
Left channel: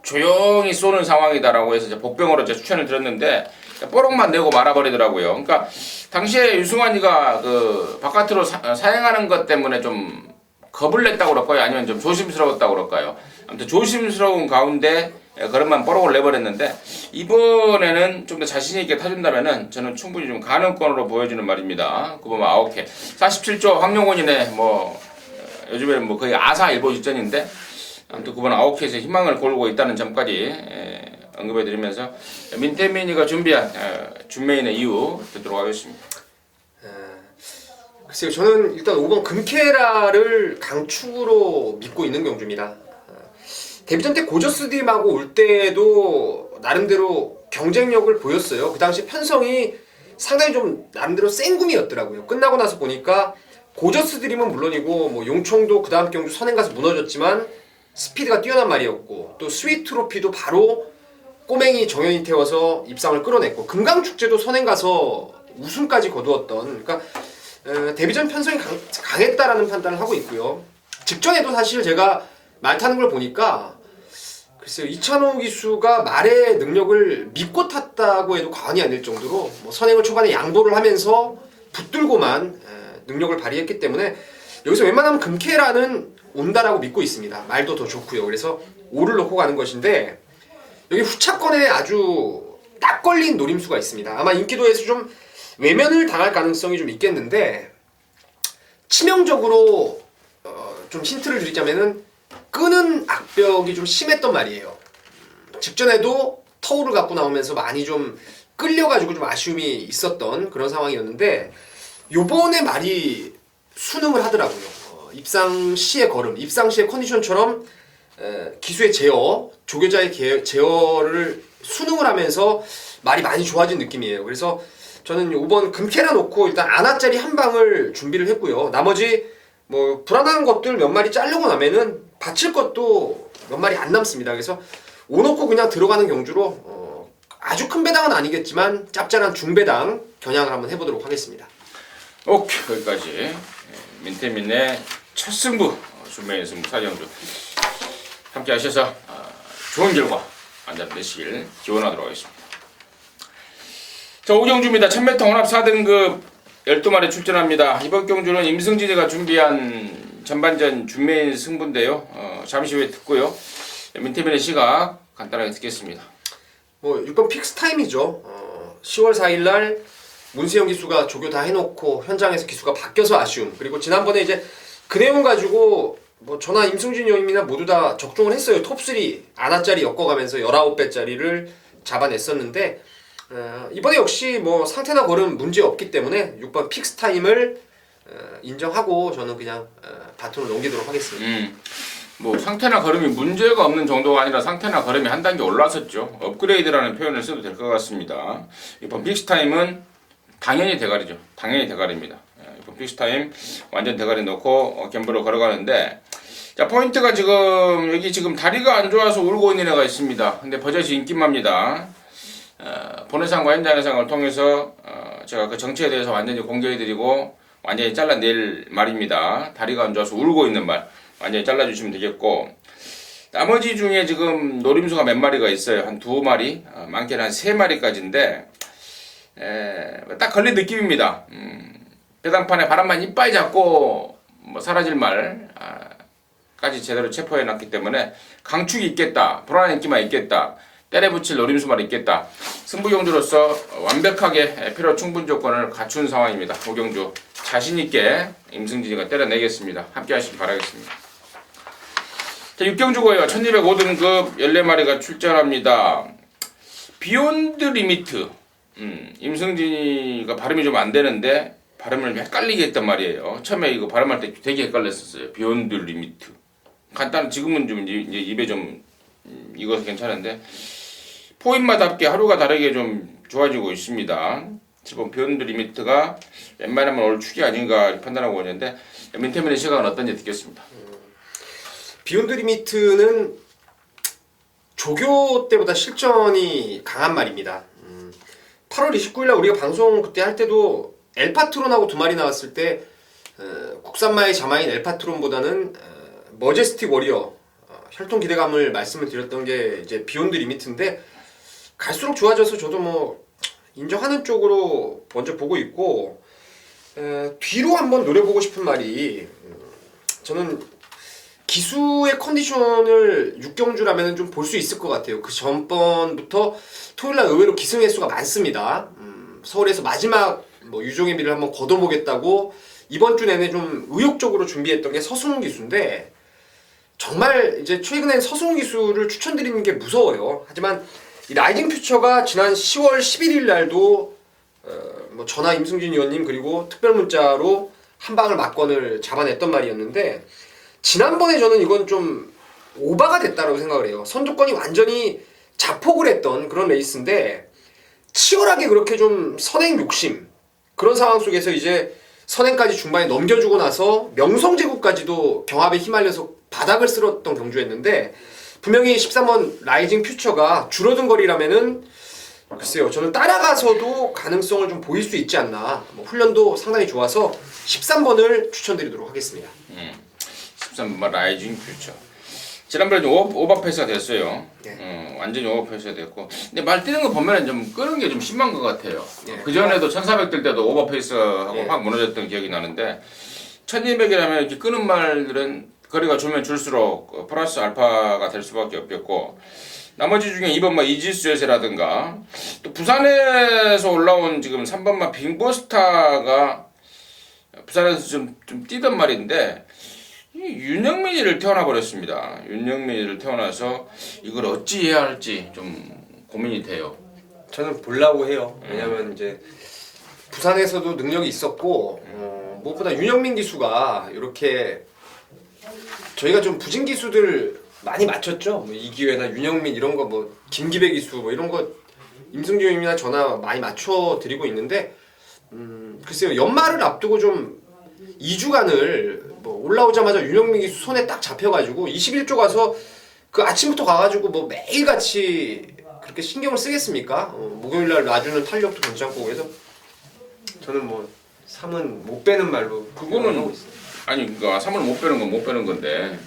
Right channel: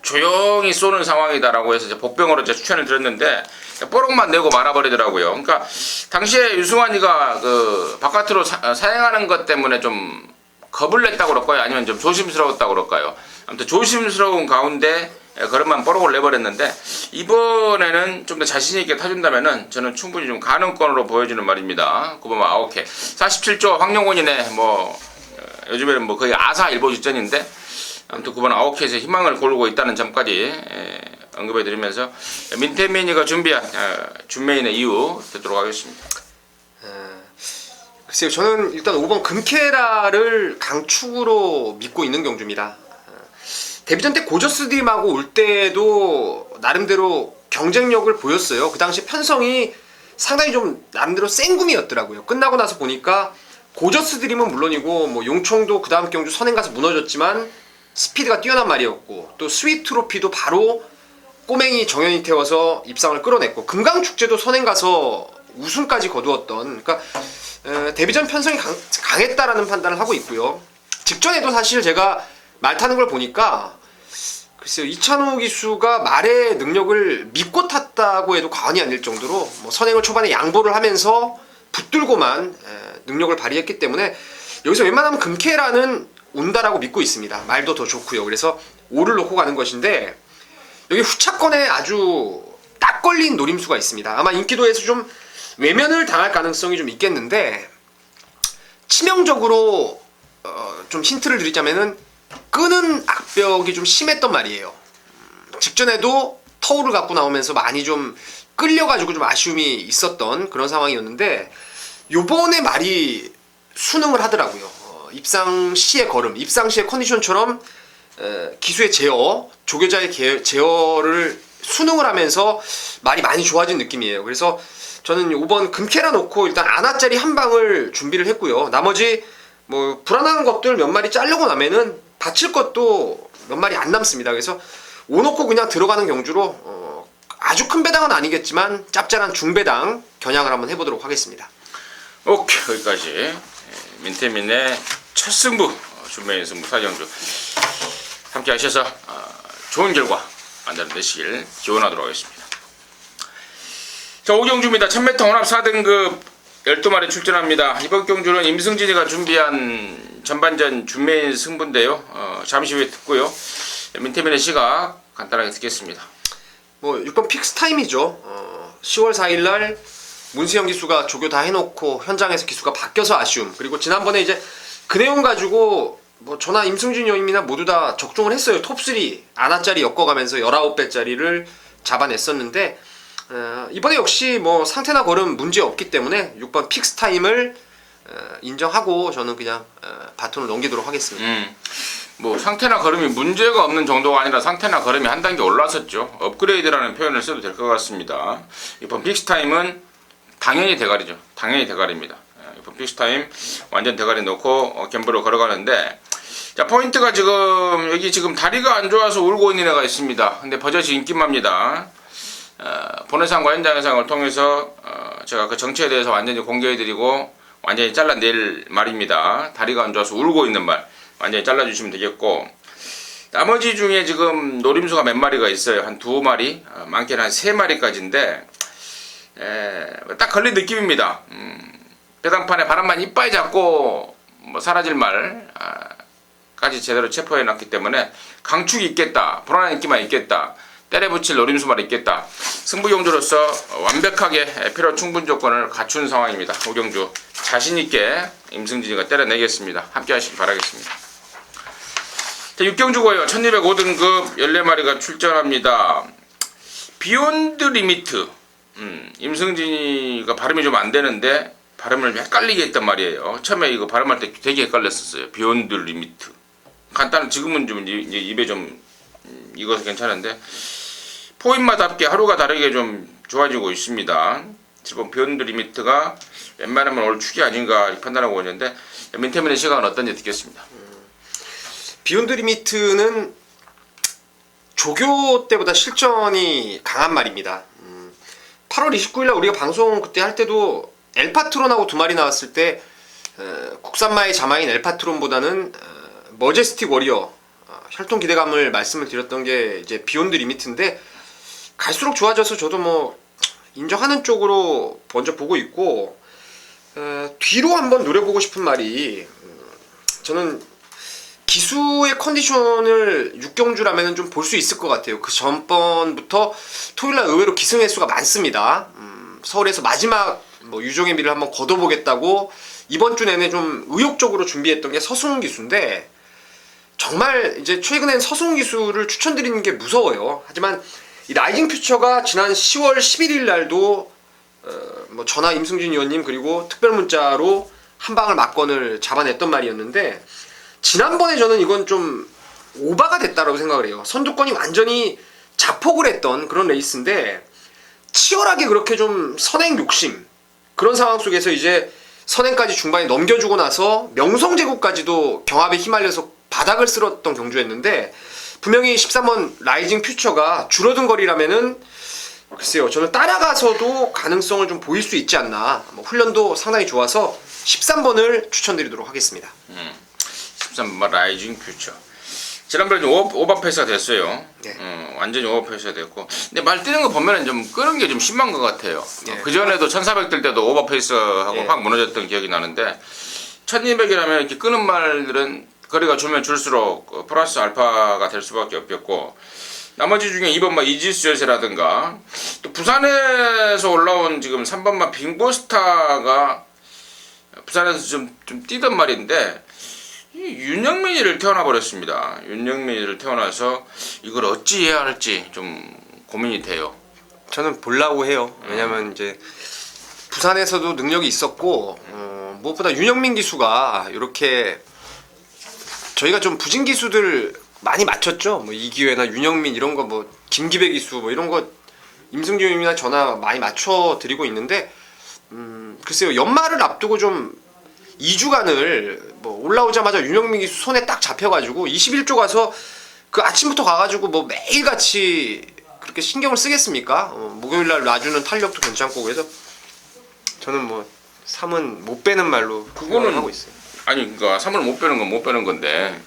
조용히 쏘는 상황이다라고 해서 이제 복병으로 제가 추천을 드렸는데 뽀록만 내고 말아버리더라고요. 그러니까 당시에 유승환이가 그 바깥으로 사행하는 것 때문에 좀 겁을 냈다고 그럴까요? 아니면 좀 조심스러웠다고 그럴까요? 아무튼 조심스러운 가운데 그런만 뽀록을 내버렸는데 이번에는 좀 더 자신 있게 타준다면은 저는 충분히 좀 가능권으로 보여주는 말입니다. 9번 아웃캣 47조 황영원이네. 뭐 요즘에는 뭐 거의 아사 일보 직전인데 아무튼 9번 아웃캣에 희망을 걸고 있다는 점까지 언급해드리면서 민태민이가 준비한 준메인의 이유 듣도록 하겠습니다. 글쎄요, 저는 일단 5번 금케라를 강축으로 믿고 있는 경주입니다. 데뷔전 때 고저스팀하고 올 때도 나름대로 경쟁력을 보였어요. 그 당시 편성이 상당히 좀 나름대로 센 구미였더라고요. 끝나고 나서 보니까 고저스드림은 물론이고 뭐 용총도 그 다음 경주 선행 가서 무너졌지만 스피드가 뛰어난 말이었고 또 스윗 트로피도 바로 꼬맹이 정현이 태워서 입상을 끌어냈고 금강축제도 선행 가서 우승까지 거두었던, 그러니까 데뷔전 편성이 강했다라는 판단을 하고 있고요. 직전에도 사실 제가 말 타는 걸 보니까 글쎄요, 이찬호 기수가 말의 능력을 믿고 탔다고 해도 과언이 아닐 정도로 뭐 선행을 초반에 양보를 하면서 붙들고만 능력을 발휘했기 때문에 여기서 웬만하면 금케라는 운다라고 믿고 있습니다. 말도 더 좋고요. 그래서 5를 놓고 가는 것인데 여기 후차권에 아주 딱 걸린 노림수가 있습니다. 아마 인기도에서 좀 외면을 당할 가능성이 좀 있겠는데 치명적으로 좀 힌트를 드리자면은 끄는 악벽이 좀 심했던 말이에요. 직전에도 터울을 갖고 나오면서 많이 좀 끌려가지고 좀 아쉬움이 있었던 그런 상황이었는데 요번에 말이 순응을 하더라고요. 입상 시의 걸음, 입상 시의 컨디션처럼 기수의 제어, 조교자의 제어를 순응을 하면서 말이 많이 좋아진 느낌이에요. 그래서 저는 5번 금케라 놓고 일단 아나짜리 한 방을 준비를 했고요. 나머지 뭐 불안한 것들 몇 마리 자르고 나면은 다칠 것도 몇 마리 안 남습니다. 그래서 5 놓고 그냥 들어가는 경주로 아주 큰 배당은 아니겠지만 짭짤한 중배당 겨냥을 한번 해보도록 하겠습니다. 오케이, 거기까지 민태민의 첫 승부 준메인 승부 4경주 함께 하셔서 좋은 결과 만들어내시길 기원하도록 하겠습니다. 자, 5경주입니다. 1000m 혼합 4등급 12마리 출전합니다. 이번 경주는 임승진이가 준비한 전반전 준메인 승부인데요. 잠시 후에 듣고요. 민태민의 시각 간단하게 듣겠습니다. 뭐 6번 픽스타임이죠. 10월 4일날 문수영 기수가 조교 다 해놓고 현장에서 기수가 바뀌어서 아쉬움. 그리고 지난번에 이제 그 내용 가지고 뭐 저나 임승준 형님이나 모두 다 적중을 했어요. 톱3 아나짜리 엮어가면서 19배짜리를 잡아냈었는데 이번에 역시 뭐 상태나 걸음 문제 없기 때문에 6번 픽스타임을 인정하고 저는 그냥 바톤을 넘기도록 하겠습니다. 뭐 상태나 걸음이 문제가 없는 정도가 아니라 상태나 걸음이 한 단계 올라섰죠. 업그레이드라는 표현을 써도 될 것 같습니다. 이번 픽스타임은 당연히 대가리죠. 당연히 대가리입니다. 이번 픽스타임 완전 대가리 놓고 gem으로 걸어가는데 자, 포인트가 지금 여기 지금 다리가 안 좋아서 울고 있는 애가 있습니다. 근데 버젓이 인기맘입니다. 본회상과 현장회상을 통해서 제가 그 정체에 대해서 완전히 공개해드리고 완전히 잘라낼 말입니다. 다리가 안 좋아서 울고 있는 말 완전히 잘라주시면 되겠고, 나머지 중에 지금 노림수가 몇 마리가 있어요. 한 2마리, 많게는 한 3마리까지인데 딱 걸린 느낌입니다. 배당판에 바람만 이빨 잡고 뭐 사라질 말까지 제대로 체포해놨기 때문에 강축이 있겠다, 불안한 인기만 있겠다, 때려붙일 노림수만 있겠다. 승부용주로서 완벽하게 필요 충분 조건을 갖춘 상황입니다. 오경주 자신있게 임승진이가 때려내겠습니다. 함께 하시기 바라겠습니다. 자, 육경주고요. 1205등급 14마리가 출전합니다. 비욘드 리미트. 임승진이가 발음이 좀 안 되는데 발음을 헷갈리게 했단 말이에요. 처음에 이거 발음할 때 되게 헷갈렸었어요. 비욘드 리미트. 간단히 지금은 좀 이제 입에 좀 익어서 괜찮은데 포인마답게 하루가 다르게 좀 좋아지고 있습니다. 지금 비욘드 리미트가 웬만하면 올 축이 아닌가 판단하고 있는데 민태민의 시각은 어떤지 듣겠습니다. 비욘드 리미트는 조교 때보다 실전이 강한 말입니다. 8월 29일날 우리가 방송 그때 할 때도 엘파트론하고 2마리 나왔을 때 국산마의 자마인 엘파트론보다는 머제스틱 워리어 혈통 기대감을 말씀을 드렸던 게 이제 비욘드 리미트인데, 갈수록 좋아져서 저도 뭐 인정하는 쪽으로 먼저 보고 있고, 뒤로 한번 노려보고 싶은 말이, 저는 기수의 컨디션을 육경주라면 좀 볼 수 있을 것 같아요. 그 전번부터 토요일날 의외로 기승 횟수가 많습니다. 서울에서 마지막 뭐 유종의 미를 한번 걷어보겠다고 이번 주 내내 좀 의욕적으로 준비했던 게 서승훈 기수인데, 정말 이제 최근엔 서승훈 기수를 추천드리는 게 무서워요. 하지만 이 라이징 퓨처가 지난 10월 11일 날도 뭐 전화 임승진 의원님 그리고 특별 문자로 한 방을 막건을 잡아냈던 말이었는데, 지난번에 저는 이건 좀 오바가 됐다라고 생각을 해요. 선두권이 완전히 자폭을 했던 그런 레이스인데, 치열하게 그렇게 좀 선행 욕심, 그런 상황 속에서 이제 선행까지 중반에 넘겨주고 나서 명성제국까지도 경합에 휘말려서 바닥을 쓸었던 경주였는데, 분명히 13번 라이징 퓨처가 줄어든 거리라면은 글쎄요, 저는 따라가서도 가능성을 좀 보일 수 있지 않나. 뭐 훈련도 상당히 좋아서 13번을 추천드리도록 하겠습니다. 13번 라이징 퓨처. 지난번에 좀 오버페이스가 됐어요. 네. 완전히 오버페이스가 됐고, 근데 말 뛰는 거 보면은 좀 끄는 게 좀 심한 것 같아요. 네. 그 전에도 1400 뜰 때도 오버페이스하고 네. 확 무너졌던 기억이 나는데, 1200이라면 이렇게 끄는 말들은 거리가 줄면 줄수록 플러스 알파가 될 수밖에 없겠고, 나머지 중에 2번마 이지스 열쇠라든가, 또 부산에서 올라온 지금 3번마 빙보스타가 부산에서 좀 뛰던 말인데, 윤영민이를 태어나 버렸습니다. 윤영민이를 태어나서 이걸 어찌해야 할지 좀 고민이 돼요. 저는 보려고 해요. 왜냐면 이제 부산에서도 능력이 있었고, 무엇보다 윤영민 기수가 이렇게 저희가 좀 부진 기수들 많이 맞췄죠. 뭐 이기회나 윤영민 이런 거, 뭐 김기배 기수 뭐 이런 거 임승준이나 전화 많이 맞춰 드리고 있는데, 글쎄요, 연말을 앞두고 좀 2주간을 뭐 올라오자마자 윤영민 기수 손에 딱 잡혀가지고 21조 가서 그 아침부터 가가지고 뭐 매일같이 그렇게 신경을 쓰겠습니까? 목요일날 놔주는 탄력도 괜찮고, 그래서 저는 뭐 3은 못 빼는 말로 그거는 하고 있어요. 아니, 그러니까 3을 못 빼는 건 못 빼는 건데,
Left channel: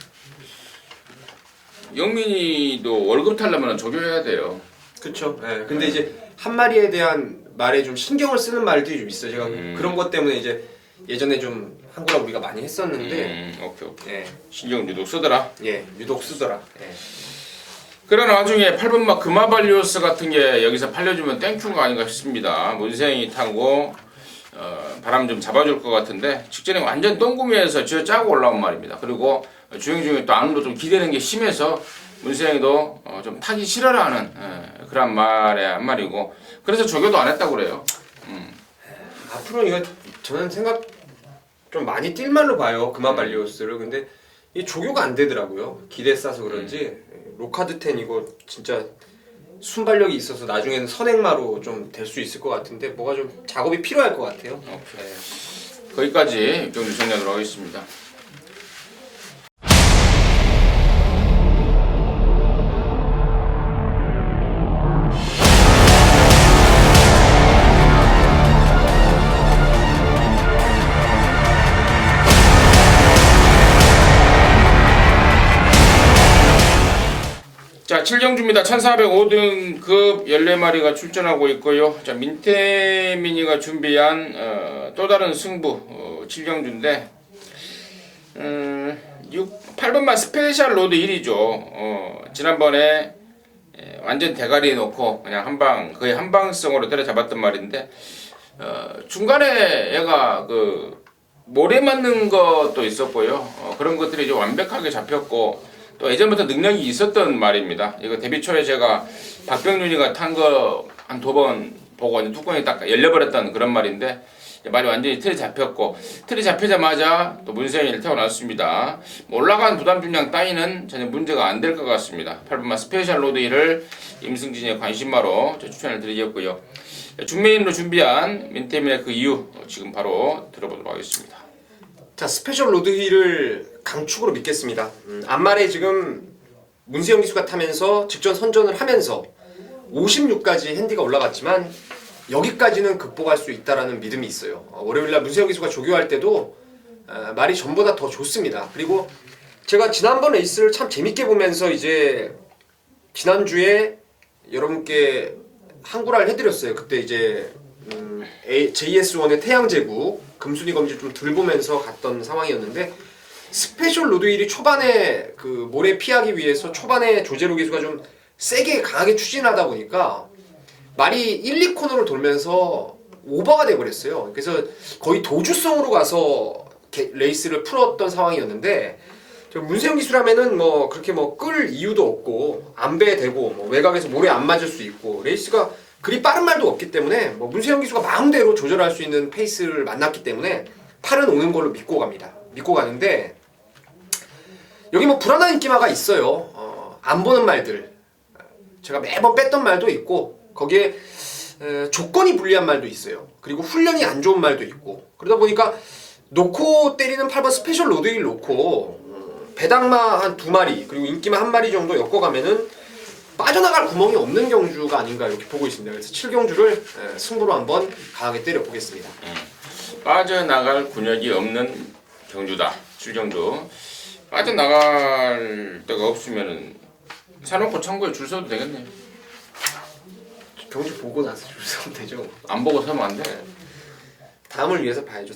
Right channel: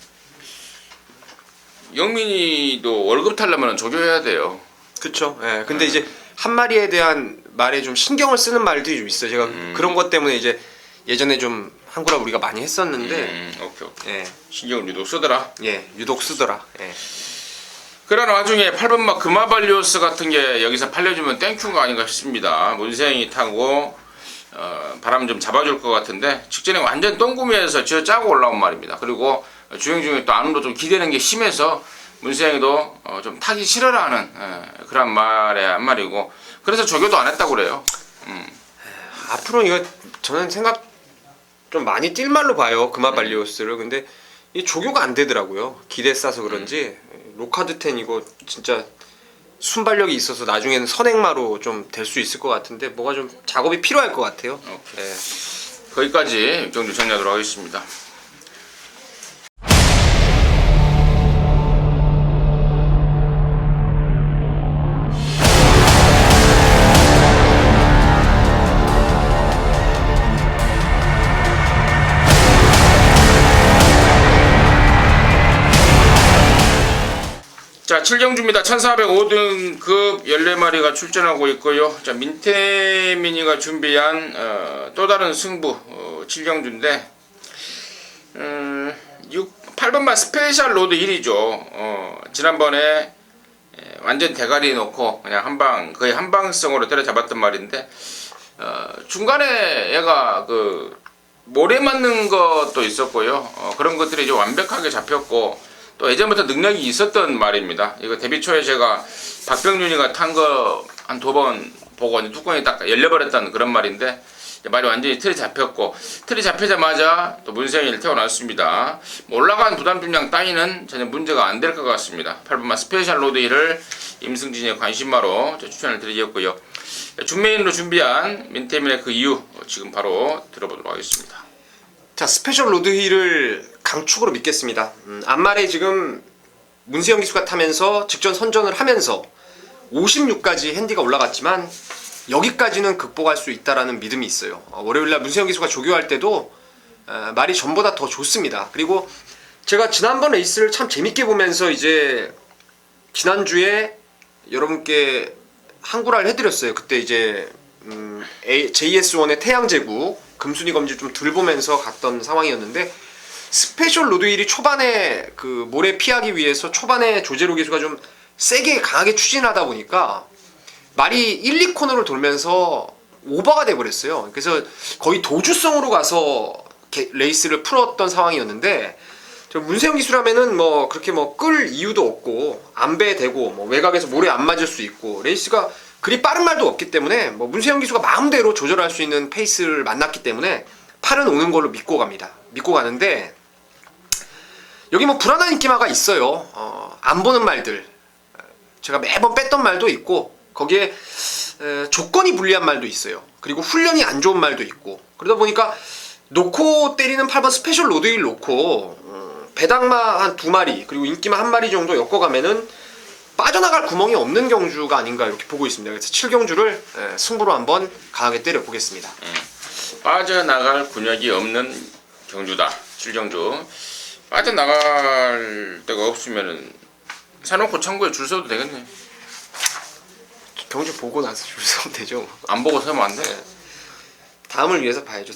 영민이도 월급 타려면 조교해야 돼요. 그렇죠. 예. 근데 이제 한 마리에 대한 말에 좀 신경을 쓰는 말들이 좀 있어요. 제가 그런 것 때문에 이제 예전에 좀 한구라 우리가 많이 했었는데, 오케이. 예, 신경을 유독 쓰더라. 예, 유독 쓰더라. 예. 그런 와중에 8번마 금화발리오스 같은 게 여기서 팔려주면 땡큐인 거 아닌가 싶습니다. 문세영이 타고 바람 좀 잡아줄 것 같은데, 직전에 완전 똥구미에서 쥐어 짜고 올라온 말입니다. 그리고 주행 중에 또 안으로 좀 기대는 게 심해서 문세영이도 좀 타기 싫어라 하는 그런 말의 한 말이고, 그래서 조교도 안 했다고 그래요. 앞으로 이거 저는 생각 좀 많이 뛸 말로 봐요, 금화발리오스를. 근데 이 조교가 안 되더라고요. 기대 싸서 그런지. 로카드 10 이거 진짜 순발력이 있어서 나중에는 선행마로 좀 될 수 있을 것 같은데, 뭐가 좀 작업이 필요할 것 같아요. 네. 거기까지 육경주 정리하도록 하겠습니다. 7경주입니다. 1405등급 14마리가 출전하고 있고요. 자, 민태민이가 준비한 또 다른 승부 7경주인데 8번만 스페셜 로드 1이죠. 지난번에 완전 대가리 놓고 그냥 거의 한방성으로 때려잡았던 말인데 중간에 얘가 그 모래 맞는 것도 있었고요. 그런 것들이 이제 완벽하게 잡혔고 또 예전부터 능력이 있었던 말입니다. 이거 데뷔 초에 제가 박병윤이가 탄 거 한 2번 보고 뚜껑이 딱 열려버렸다는 그런 말인데 말이 완전히 틀이 잡혔고 틀이 잡히자마자 또 문세영이를 태어났습니다. 올라간 부담 중량 따위는 전혀 문제가 안 될 것 같습니다. 8번마 스페셜 로드 1을 임승진의 관심마로 추천을 드리겠고요. 준메인으로 준비한 민태민의 그 이유 지금 바로 들어보도록 하겠습니다. 자, 스페셜 로드 힐을 강축으로 믿겠습니다. 앞말에 지금 문세영 기수가 타면서 직전 선전을 하면서 56까지 핸디가 올라갔지만 여기까지는 극복할 수 있다라는 믿음이 있어요. 월요일날 문세영 기수가 조교할 때도 말이 전보다 더 좋습니다. 그리고 제가 지난번 레이스를 참 재밌게 보면서 이제 지난주에 여러분께 한구라를 해드렸어요. 그때 이제 JS1의 태양제국 금순위 검지 좀 덜 보면서 갔던 상황이었는데 스페셜 로드 1이 초반에 그 모래 피하기 위해서 초반에 조제로 기수가 좀 세게 강하게 추진하다 보니까 말이 1, 2코너를 돌면서 오버가 돼버렸어요. 그래서 거의 도주성으로 가서 레이스를 풀었던 상황이었는데 문세영 기수라면은 뭐 그렇게 뭐 끌 이유도 없고 안배되고 뭐 외곽에서 모래 안 맞을 수 있고 레이스가 그리 빠른 말도 없기 때문에 뭐 문세영 기수가 마음대로 조절할 수 있는 페이스를 만났기 때문에 팔은 오는 걸로 믿고 갑니다. 믿고 가는데 여기 뭐 불안한 인기마가 있어요. 안 보는 말들 제가 매번 뺐던 말도 있고 거기에 조건이 불리한 말도 있어요. 그리고 훈련이 안 좋은 말도 있고 그러다 보니까 놓고 때리는 8번 스페셜 로드 1 놓고 배당마 한 2마리 그리고 인기마 1마리 정도 엮어가면은 빠져나갈 구멍이 없는 경주가 아닌가 이렇게 보고 있습니다. 그래서 7경주를 승부로 한번 강하게 때려보겠습니다. 빠져나갈 군역이 없는 경주다. 7경주. 빠져나갈 데가 없으면은 사놓고 창고에 줄 서도 되겠네요. 경주 보고 나서 줄 서면 되죠. 안 보고 서면 안 돼. 다음을 위해서 봐야죠.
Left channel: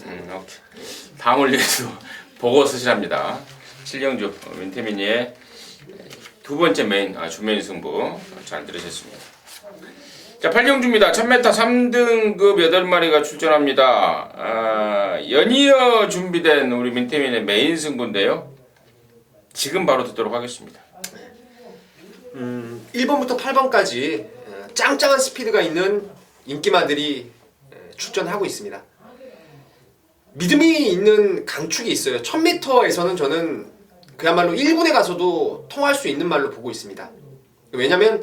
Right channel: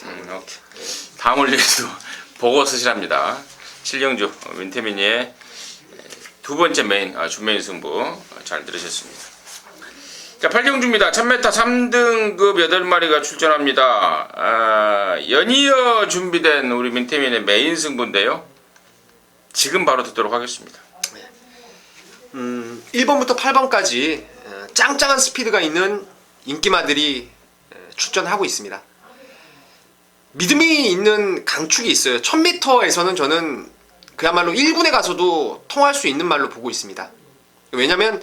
다음을 위해서 보고 서시랍니다. 7경주 민태민이의 두 번째 메인 준메인 승부 잘 들으셨습니다. 자, 8경주입니다. 1000m 3등급 8마리가 출전합니다. 연이어 준비된 우리 민태민의 메인 승부인데요. 지금 바로 듣도록 하겠습니다. 1번부터 8번까지 짱짱한 스피드가 있는 인기마들이 출전하고 있습니다. 믿음이 있는 강축이 있어요. 1000m에서는 저는 그야말로 1군에 가서도 통할 수 있는 말로 보고 있습니다. 왜냐면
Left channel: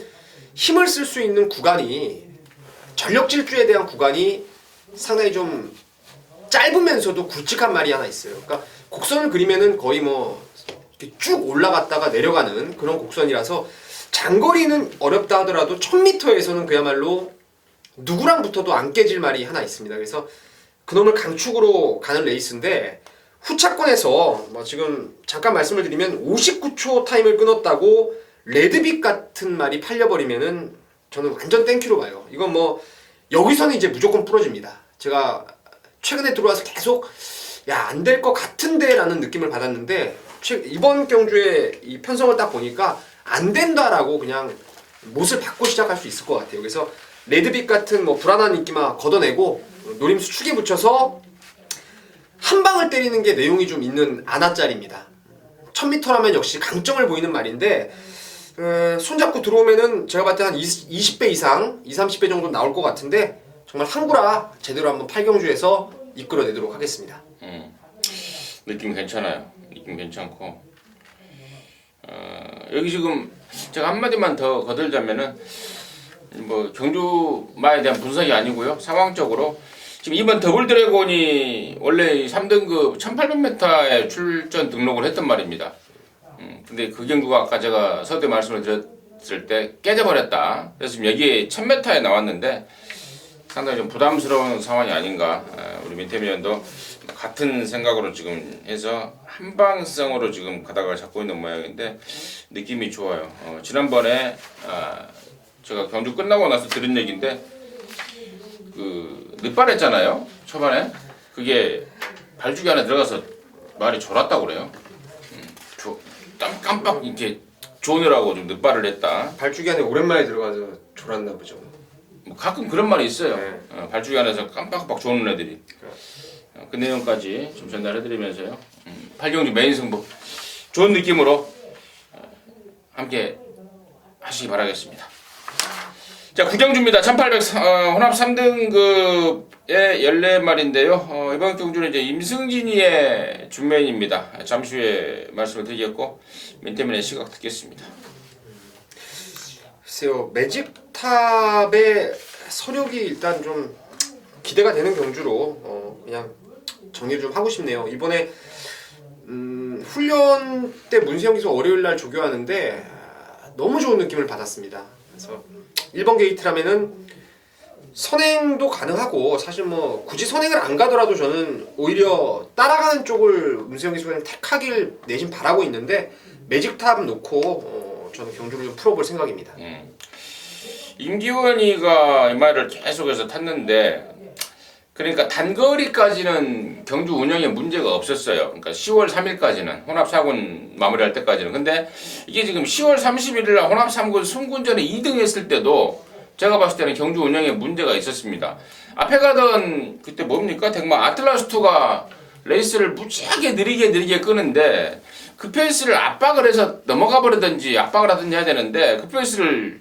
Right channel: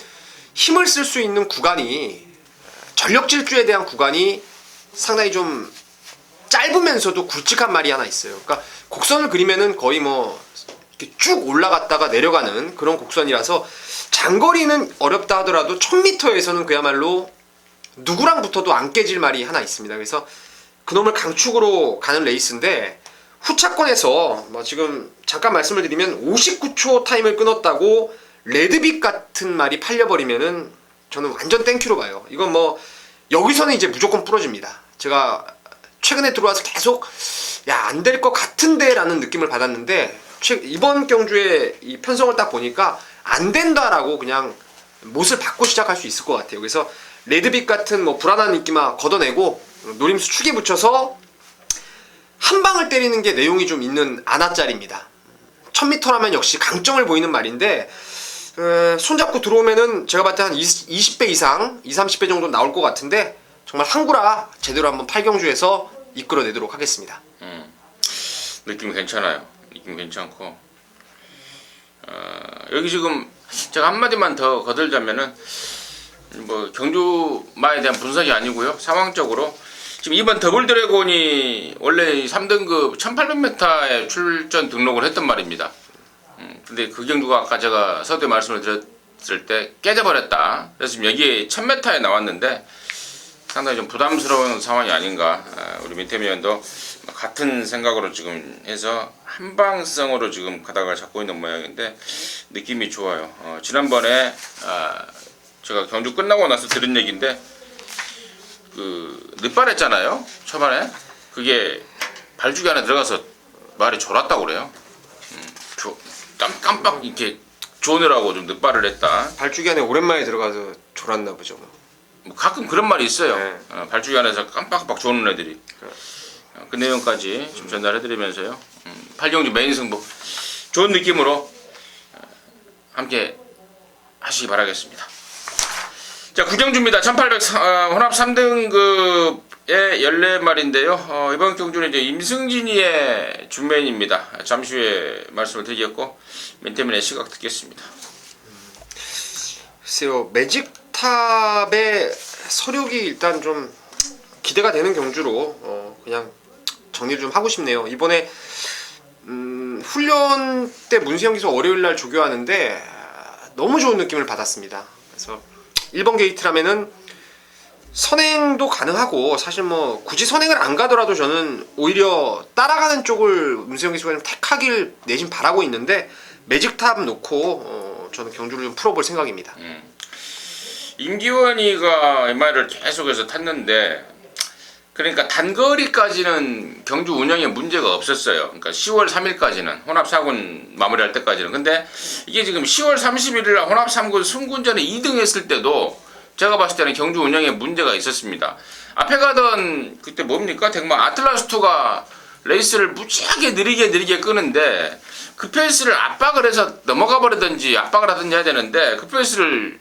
힘을 쓸 수 있는 구간이 전력 질주에 대한 구간이 상당히 좀 짧으면서도 굵직한 말이 하나 있어요. 그러니까 곡선을 그리면은 거의 뭐 이렇게 쭉 올라갔다가 내려가는 그런 곡선이라서 장거리는 어렵다 하더라도 1000m에서는 그야말로 누구랑 붙어도 안 깨질 말이 하나 있습니다. 그래서 그놈을 강축으로 가는 레이스인데 후차권에서 뭐 지금 잠깐 말씀을 드리면 59초 타임을 끊었다고 레드빛 같은 말이 팔려버리면은 저는 완전 땡큐로 봐요. 이건 뭐 여기서는 이제 무조건 부러집니다. 제가 최근에 들어와서 계속 야, 안 될 것 같은데 라는 느낌을 받았는데 이번 경주에 이 편성을 딱 보니까 안 된다라고 그냥 못을 받고 시작할 수 있을 것 같아요. 그래서 레드빛 같은 뭐 불안한 인기만 걷어내고 노림수 축에 붙여서 한 방을 때리는 게 내용이 좀 있는 아나짤입니다. 1000m라면 역시 강점을 보이는 말인데 손잡고 들어오면은 제가 봤을 때 한 20배 이상 20-30배 정도 나올 것 같은데 정말 한구라 제대로 한번 8경주에서 이끌어내도록 하겠습니다. 느낌 괜찮아요. 느낌 괜찮고 여기 지금 제가 한마디만 더 거들자면은 뭐 경주마에 대한 분석이 아니고요. 상황적으로 지금 이번 더블 드래곤이 원래 3등급 1800m에 출전 등록을 했던 말입니다. 근데 그 경주가 아까 제가 서두에 말씀을 드렸을 때 깨져버렸다. 그래서 지금 여기에 1000m에 나왔는데 상당히 좀 부담스러운 상황이 아닌가. 우리 민태민 의원도 같은 생각으로 지금 해서 한방성으로 지금 가닥을 잡고 있는 모양인데 느낌이 좋아요. 지난번에 제가 경주 끝나고 나서 들은 얘기인데 그 늦발했잖아요. 초반에 그게 발주기 안에 들어가서 말이 졸았다고 그래요. 깜빡 이렇게 조느라고 좀 늦발을 했다. 발주기 안에 오랜만에 들어가서 졸았나 보죠. 뭐 가끔 그런 말이 있어요. 네. 발주기 안에서 깜빡깜빡 조는 애들이. 그 내용까지 좀 전달해드리면서요. 8경주 메인 승부 좋은 느낌으로 함께 하시기 바라겠습니다. 자, 9경주입니다. 1800 혼합 3등급의 14마리인데요. 이번 경주는 이제 임승진이의 준메인입니다. 잠시 후에 말씀을 드리겠고 맨태민의 시각 듣겠습니다. 글쎄요, 매직탑의 서력이 일단 좀 기대가 되는 경주로 그냥 정리를 좀 하고 싶네요. 이번에 훈련 때 문세영 기수 월요일날 조교하는데 너무 좋은 느낌을 받았습니다. 그래서 1번 게이트라면은 선행도 가능하고 사실 뭐 굳이 선행을 안 가더라도 저는 오히려 따라가는 쪽을 문세영 기수가 좀 택하길 내심 바라고 있는데 매직탑 놓고 저는 경주를 좀 풀어볼 생각입니다. 임기원이가 이 말을 계속해서 탔는데 그러니까 단거리까지는 경주 운영에 문제가 없었어요. 그러니까 10월 3일까지는 혼합 4군 마무리할 때까지는. 근데 이게 지금 10월 31일 날 혼합 3군 승군전에 2등 했을 때도 제가 봤을 때는 경주 운영에 문제가 있었습니다. 앞에 가던 그때 뭡니까? 대구만 아틀라스2가 레이스를 무지하게 느리게 끄는데 그 페이스를 압박을 해서 넘어가 버리든지 압박을 하든지 해야 되는데 그 페이스를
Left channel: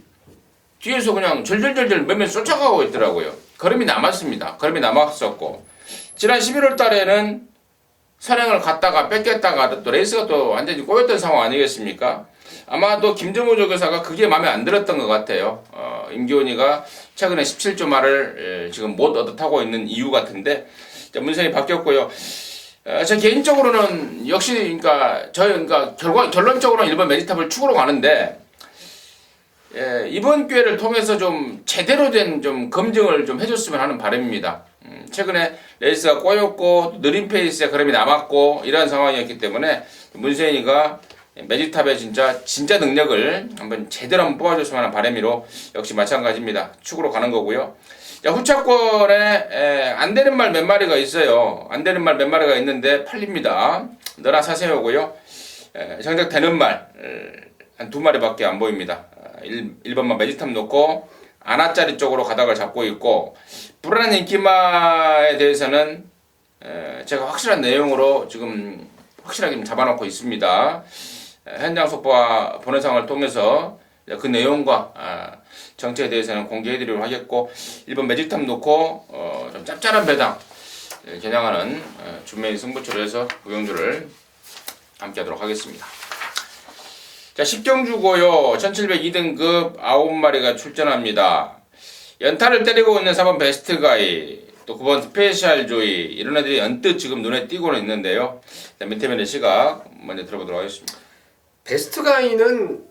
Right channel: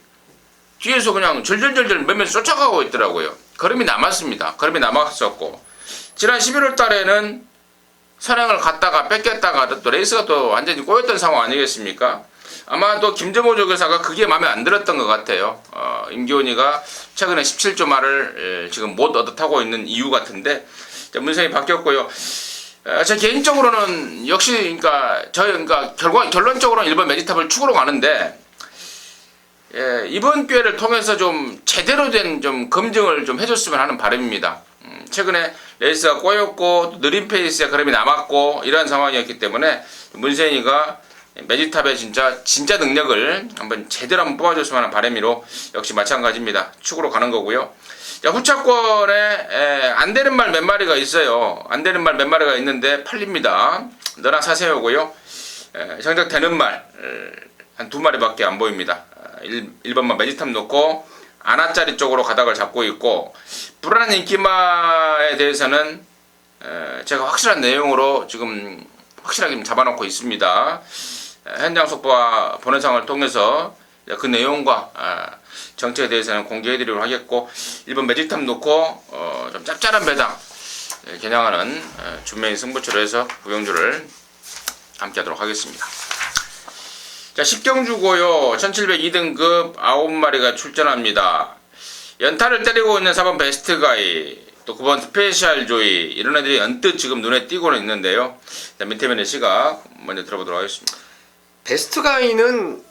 뒤에서 그냥 절절절절 몇몇 쫓아가고 있더라고요. 걸음이 남았습니다. 걸음이 남았었고 지난 11월 달에는 선행을 갔다가 뺏겼다가 또 레이스가 또 완전히 꼬였던 상황 아니겠습니까? 아마도 김정호 조교사가 그게 마음에 안 들었던 것 같아요. 임기훈이가 최근에 17조 말을 지금 못 얻어타고 있는 이유 같은데 문세영이 바뀌었고요. 제 개인적으로는 역시 그러니까 결론적으로는 일본 매직탑을 축으로 가는데 이번 기회를 통해서 좀 제대로 된 좀 검증을 좀 해줬으면 하는 바람입니다. 최근에 레이스가 꼬였고 느린 페이스에 걸음이 남았고 이런 상황이었기 때문에 문세인이가 매직탑의 진짜 능력을 한번 제대로 한번 뽑아줬으면 하는 바람으로 역시 마찬가지입니다. 축으로 가는 거고요. 자, 후차권에 안 되는 말 몇 마리가 있어요. 안 되는 말 몇 마리가 있는데 팔립니다. 너나 사세요고요. 정작 되는 말 한 2마리밖에 안 보입니다. 1번만 매직탑 놓고 아나짜리 쪽으로 가닥을 잡고 있고 불안한 인기마에 대해서는 제가 확실한 내용으로 지금 확실하게 잡아놓고 있습니다. 현장 속보와 본회상을 통해서 그 내용과 정책에 대해서는 공개해드리도록 하겠고 1번 매직탑 놓고 좀 짭짤한 배당 겨냥하는 준메인 승부처로 해서 구경주를 함께 하도록 하겠습니다. 자, 10경주고요. 1702등급 9마리가 출전합니다. 연타를 때리고 있는 4번 베스트가이, 또 9번 스페셜 조이, 이런 애들이 언뜻 지금 눈에 띄고는 있는데요. 민태면의 시각 먼저 들어보도록 하겠습니다. 베스트가이는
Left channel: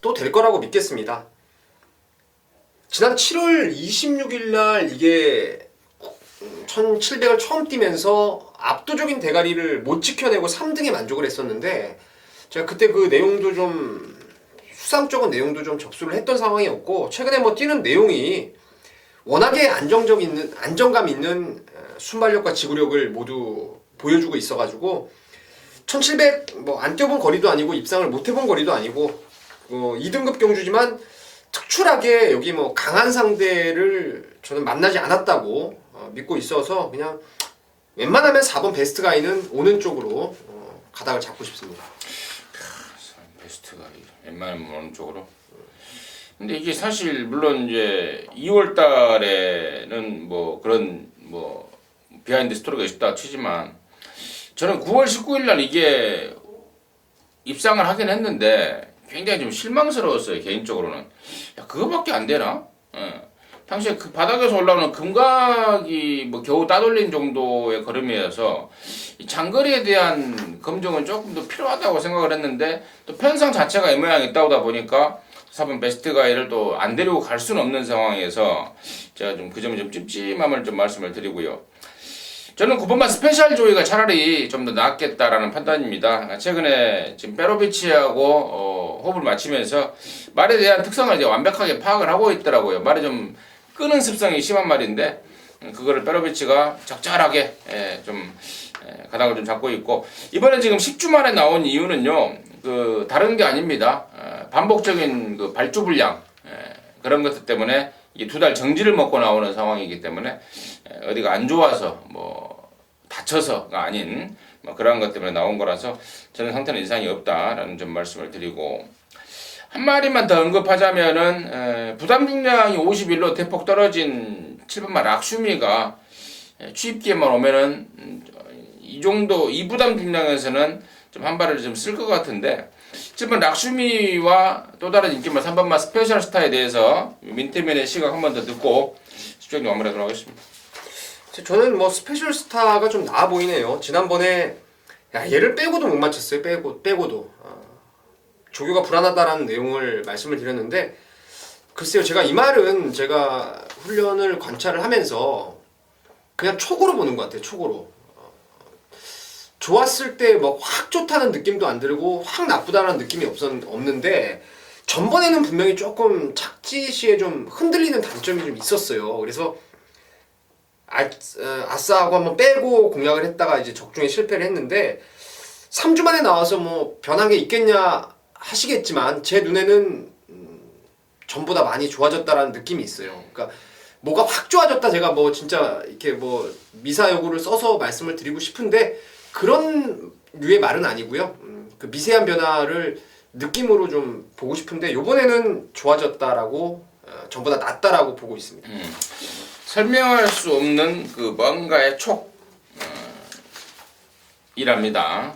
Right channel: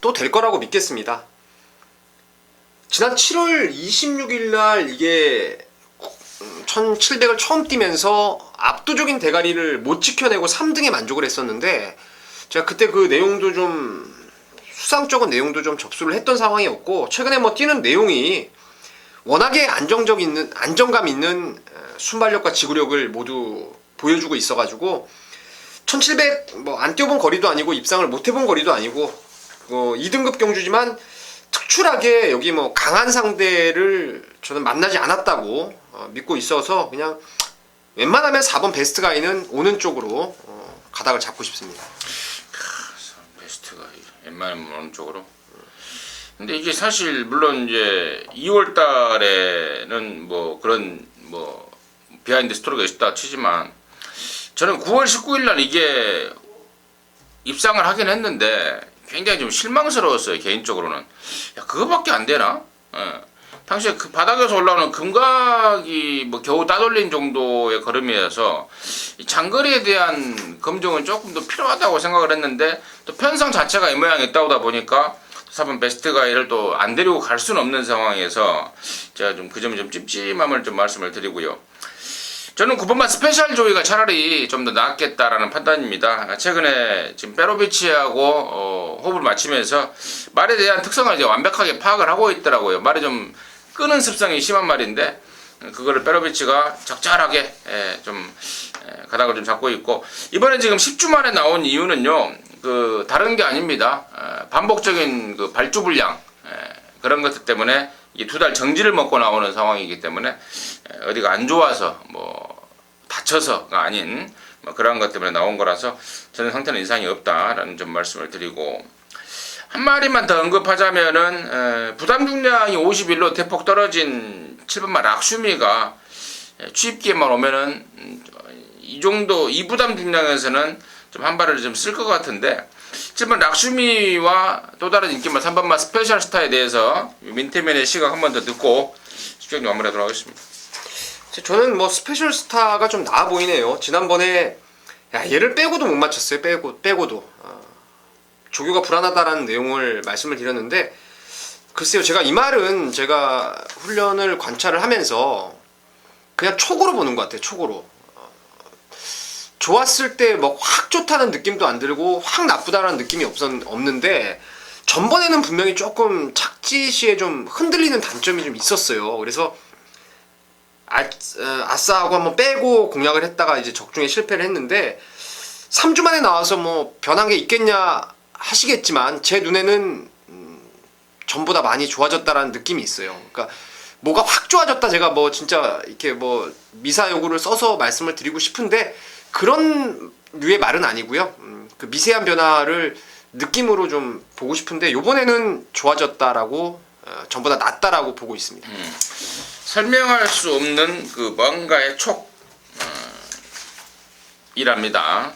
또 될 거라고 믿겠습니다. 지난 7월 26일 날 이게 1700을 처음 뛰면서 압도적인 대가리를 못 지켜내고 3등에 만족을 했었는데 제가 그때 그 내용도 좀 수상적인 내용도 좀 접수를 했던 상황이었고 최근에 뭐 뛰는 내용이 워낙에 안정감 있는 순발력과 지구력을 모두 보여주고 있어가지고 1700 뭐 안 뛰어본 거리도 아니고 입상을 못 해본 거리도 아니고 2등급 경주지만 특출하게 여기 뭐 강한 상대를 저는 만나지 않았다고 믿고 있어서 그냥 웬만하면 4번 베스트가이는 오는 쪽으로 가닥을 잡고 싶습니다. 베스트가이 웬만하면 오는 쪽으로. 근데 이게 사실 물론 이제 2월 달에는 뭐 그런 뭐 비하인드 스토리가 있었다 치지만 저는 9월 19일 날 이게 입상을 하긴 했는데 굉장히 좀 실망스러웠어요. 개인적으로는. 야, 그거밖에 안 되나? 당시에 그 바닥에서 올라오는 금각이 뭐 겨우 따돌린 정도의 걸음이어서 이 장거리에 대한 검증은 조금 더 필요하다고 생각을 했는데 또 편성 자체가 이 모양이 있다보다 보니까 4번 베스트가이를 또 안 데리고 갈 수는 없는 상황에서 제가 좀 그 점이 좀 찝찝함을 좀 말씀을 드리고요. 저는 9번만 스페셜 조이가 차라리 좀 더 낫겠다라는 판단입니다. 최근에 지금 페로비치하고 호흡을 맞추면서 말에 대한 특성을 이제 완벽하게 파악을 하고 있더라고요. 말이 좀 끄는 습성이 심한 말인데 그거를 페로비치가 적절하게 좀 가닥을 좀 잡고 있고, 이번에 지금 10주 만에 나온 이유는요, 그 다른 게 아닙니다. 반복적인 그 발주 불량 그런 것들 때문에 이 2달 정지를 먹고 나오는 상황이기 때문에 어디가 안 좋아서 뭐 다쳐서가 아닌 뭐 그러한 것 때문에 나온 거라서 저는 상태는 이상이 없다라는 좀 말씀을 드리고, 한 마디만 더 언급하자면은 부담 중량이 51로 대폭 떨어진 7번마 락슈미가 취입기에만 오면은 이 정도 이 부담 중량에서는 좀 한 발을 좀 쓸 것 같은데, 7번 락슈미와 또 다른 인기만 3번마 스페셜 스타에 대해서 민태면의 시각 한 번 더 듣고 수정 마무리하도록 하겠습니다. 저는 뭐 스페셜 스타가 좀 나아 보이네요. 지난번에 얘를 빼고도 못 맞췄어요. 빼고도 조교가 불안하다라는 내용을 말씀을 드렸는데, 글쎄요, 제가 이 말은 제가 훈련을 관찰을 하면서 그냥 촉으로 보는 것 같아요. 촉으로. 좋았을 때 뭐 확 좋다는 느낌도 안 들고 확 나쁘다는 느낌이 없는데, 전번에는 분명히 조금 착지 시에 좀 흔들리는 단점이 좀 있었어요. 그래서 아싸하고 한번 빼고 공략을 했다가 이제 적중에 실패를 했는데, 3주 만에 나와서 뭐 변한 게 있겠냐 하시겠지만 제 눈에는 전보다 많이 좋아졌다라는 느낌이 있어요. 그러니까 뭐가 확 좋아졌다, 제가 뭐 진짜 이렇게 뭐 미사여구를 써서 말씀을 드리고 싶은데 그런 류의 말은 아니고요. 그 미세한 변화를 느낌으로 좀 보고 싶은데, 요번에는 좋아졌다라고 전보다 낫다라고 보고 있습니다. 설명할 수 없는 그 뭔가의 촉이랍니다.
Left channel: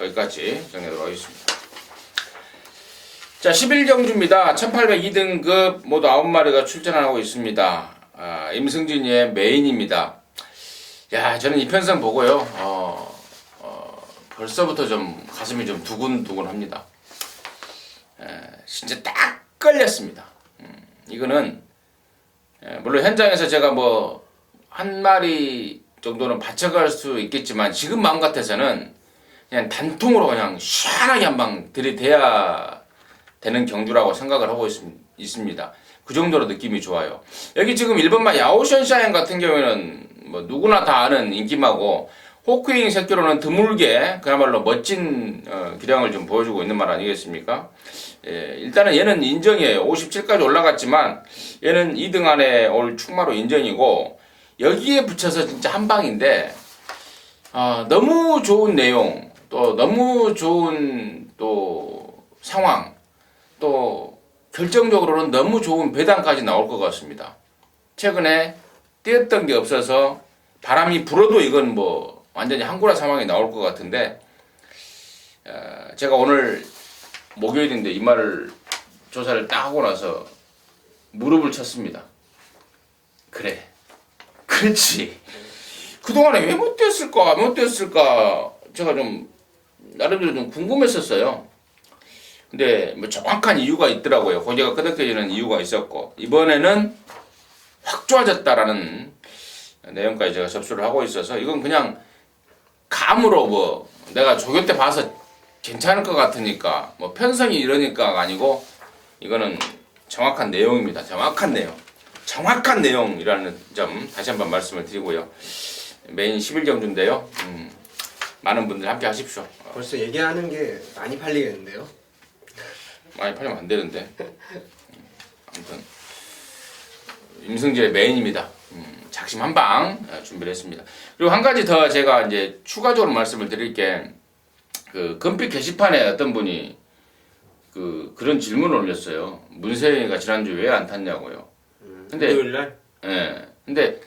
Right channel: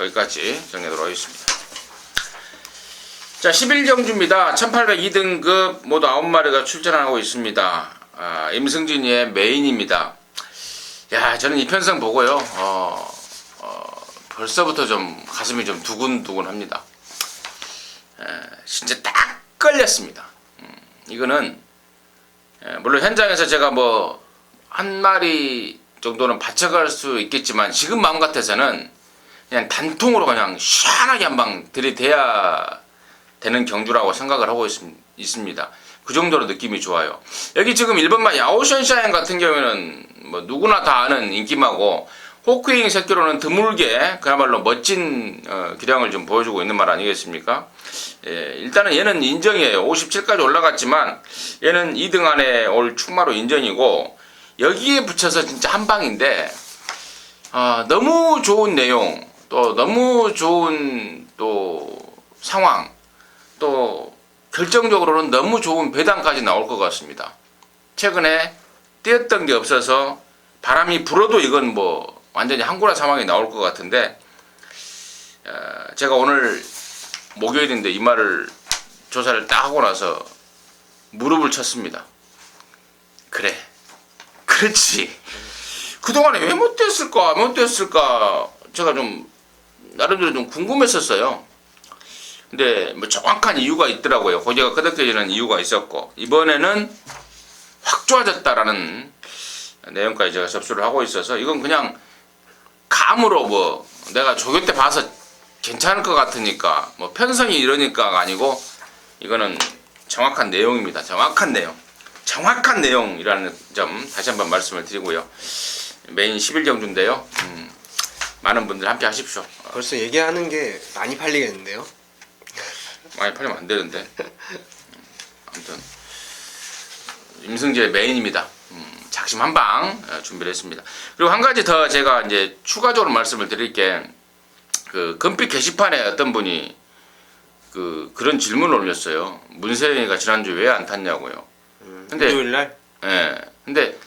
여기까지 정리하도록 하겠습니다. 자, 11경주입니다. 1802등급 모두 9마리가 출전하고 있습니다. 임승진이의 메인입니다. 야, 저는 이 편성 보고요, 벌써부터 좀 가슴이 좀 두근두근합니다. 진짜 딱 걸렸습니다. 이거는 물론 현장에서 제가 뭐 한 마리 정도는 받쳐갈 수 있겠지만, 지금 마음 같아서는 그냥 단통으로 그냥 시원하게 한 방 들이대야 되는 경주라고 생각을 하고 있습니다. 그 정도로 느낌이 좋아요. 여기 지금 1번마 야오션샤인 같은 경우에는 뭐 누구나 다 아는 인기마고, 호크윙 새끼로는 드물게 그야말로 멋진 기량을 좀 보여주고 있는 말 아니겠습니까? 일단은 얘는 인정이에요. 57까지 올라갔지만 얘는 2등 안에 올 축마로 인정이고, 여기에 붙여서 진짜 한 방인데, 너무 좋은 내용, 또 너무 좋은 또 상황, 또 결정적으로는 너무 좋은 배당까지 나올 것 같습니다. 최근에 뛰었던 게 없어서 바람이 불어도 이건 뭐 완전히 항구라 상황이 나올 것 같은데, 제가 오늘 목요일인데 이 말을 조사를 딱 하고 나서 무릎을 쳤습니다. 그래, 그렇지. 그동안에 왜 못 뛰었을까 제가 좀 나름대로 좀 궁금했었어요. 근데 뭐 정확한 이유가 있더라고요. 고개가 끄덕여지는 이유가 있었고, 이번에는 확 좋아졌다라는 내용까지 제가 접수를 하고 있어서, 이건 그냥 감으로 뭐 내가 조교 때 봐서 괜찮을 것 같으니까 뭐 편성이 이러니까가 아니고, 이거는 정확한 내용입니다. 정확한 내용이라는 점 다시 한번 말씀을 드리고요. 메인 11경주인데요. 많은 분들 함께 하십시오. 벌써 얘기하는 게 많이 팔리겠는데요? 많이 팔리면 안 되는데. 아무튼 임승재의 메인입니다. 작심 한 방 준비를 했습니다. 그리고 한 가지 더 제가 이제 추가적으로 말씀을 드릴 게, 그 금빛 게시판에 어떤 분이 그런 질문을 올렸어요. 문세영이가 지난주 왜 안 탔냐고요. 근데 금요일날? 예. 근데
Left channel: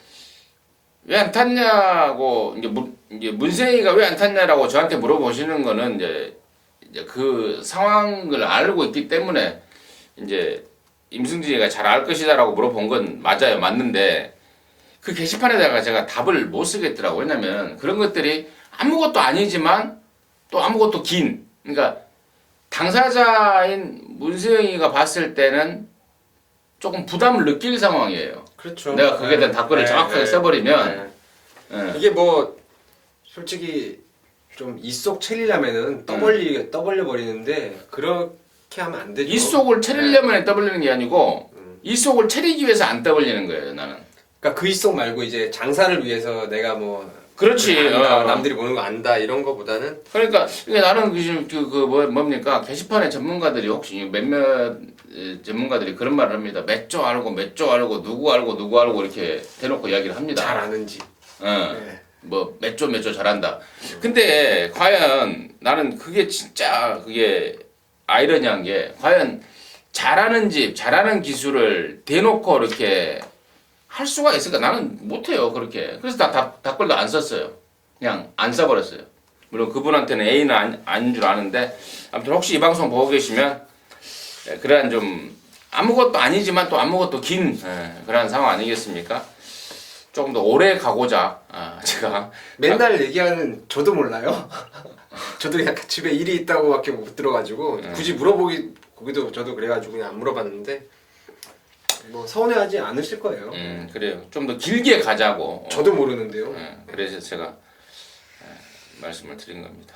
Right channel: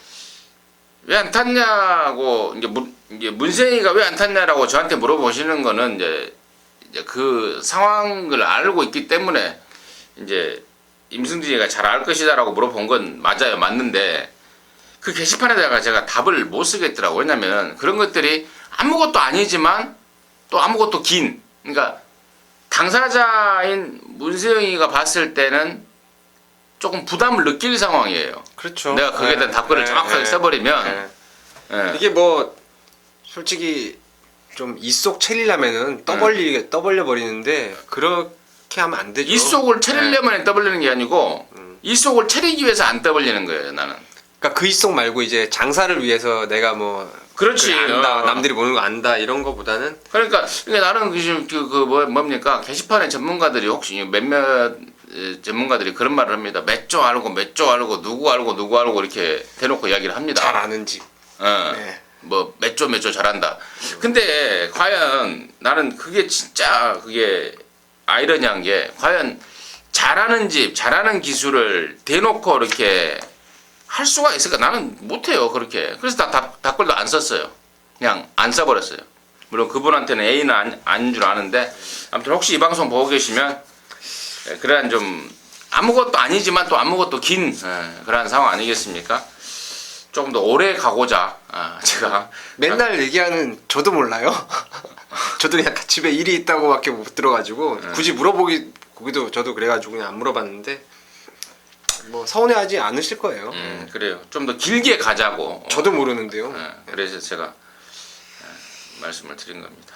왜 안 탔냐고, 이제 문세영이가 왜 안 탔냐라고 저한테 물어보시는 거는 이제 그 상황을 알고 있기 때문에 이제 임승진이가 잘 알 것이다라고 물어본 건 맞아요. 맞는데 그 게시판에다가 제가 답을 못 쓰겠더라고요. 왜냐면 그런 것들이 아무것도 아니지만 또 아무것도 긴, 그러니까 당사자인 문세영이가 봤을 때는 조금 부담을 느낄 상황이에요. 그렇죠. 내가 거기에 대한 답글을 정확하게 써버리면 예. 이게 뭐 솔직히 좀 이속 채리려면은 떠벌려 버리는데 그렇게 하면 안 되죠. 이속을 차리려면 떠벌리는 게 아니고 이속을 차리기 위해서 안 떠벌리는 거예요 나는. 그러니까 그 이속 말고 이제 장사를 위해서 내가 뭐 그렇지. 안다, 남들이 보는 거 안다 이런 거보다는 그러니까 나는 뭡니까 게시판에 전문가들이 혹시 몇몇 전문가들이 그런 말을 합니다. 몇 조 알고 누구 알고 이렇게 대놓고 이야기를 합니다. 잘 아는 집. 네. 뭐 몇 조 잘한다. 근데 과연 나는 그게 진짜 그게 아이러니한 게 과연 잘하는 집, 잘하는 기술을 대놓고 이렇게 할 수가 있을까? 나는 못해요 그렇게. 그래서 댓글도 안 썼어요. 그냥 안 써버렸어요. 물론 그분한테는 A는 아닌 줄 아는데 아무튼 혹시 이 방송 보고 계시면 그런 좀 아무것도 아니지만 또 아무것도 긴 그런 상황 아니겠습니까? 조금 더 오래 가고자 제가 맨날 얘기하는 저도 몰라요. 저도 약간 집에 일이 있다고밖에 못 들어가지고 굳이 물어보기도 저도 그래가지고 그냥 안 물어봤는데 뭐 서운해하지 않으실 거예요. 그래요. 좀 더 길게 가자고. 저도 모르는데요. 그래서 제가 말씀을 드린 겁니다.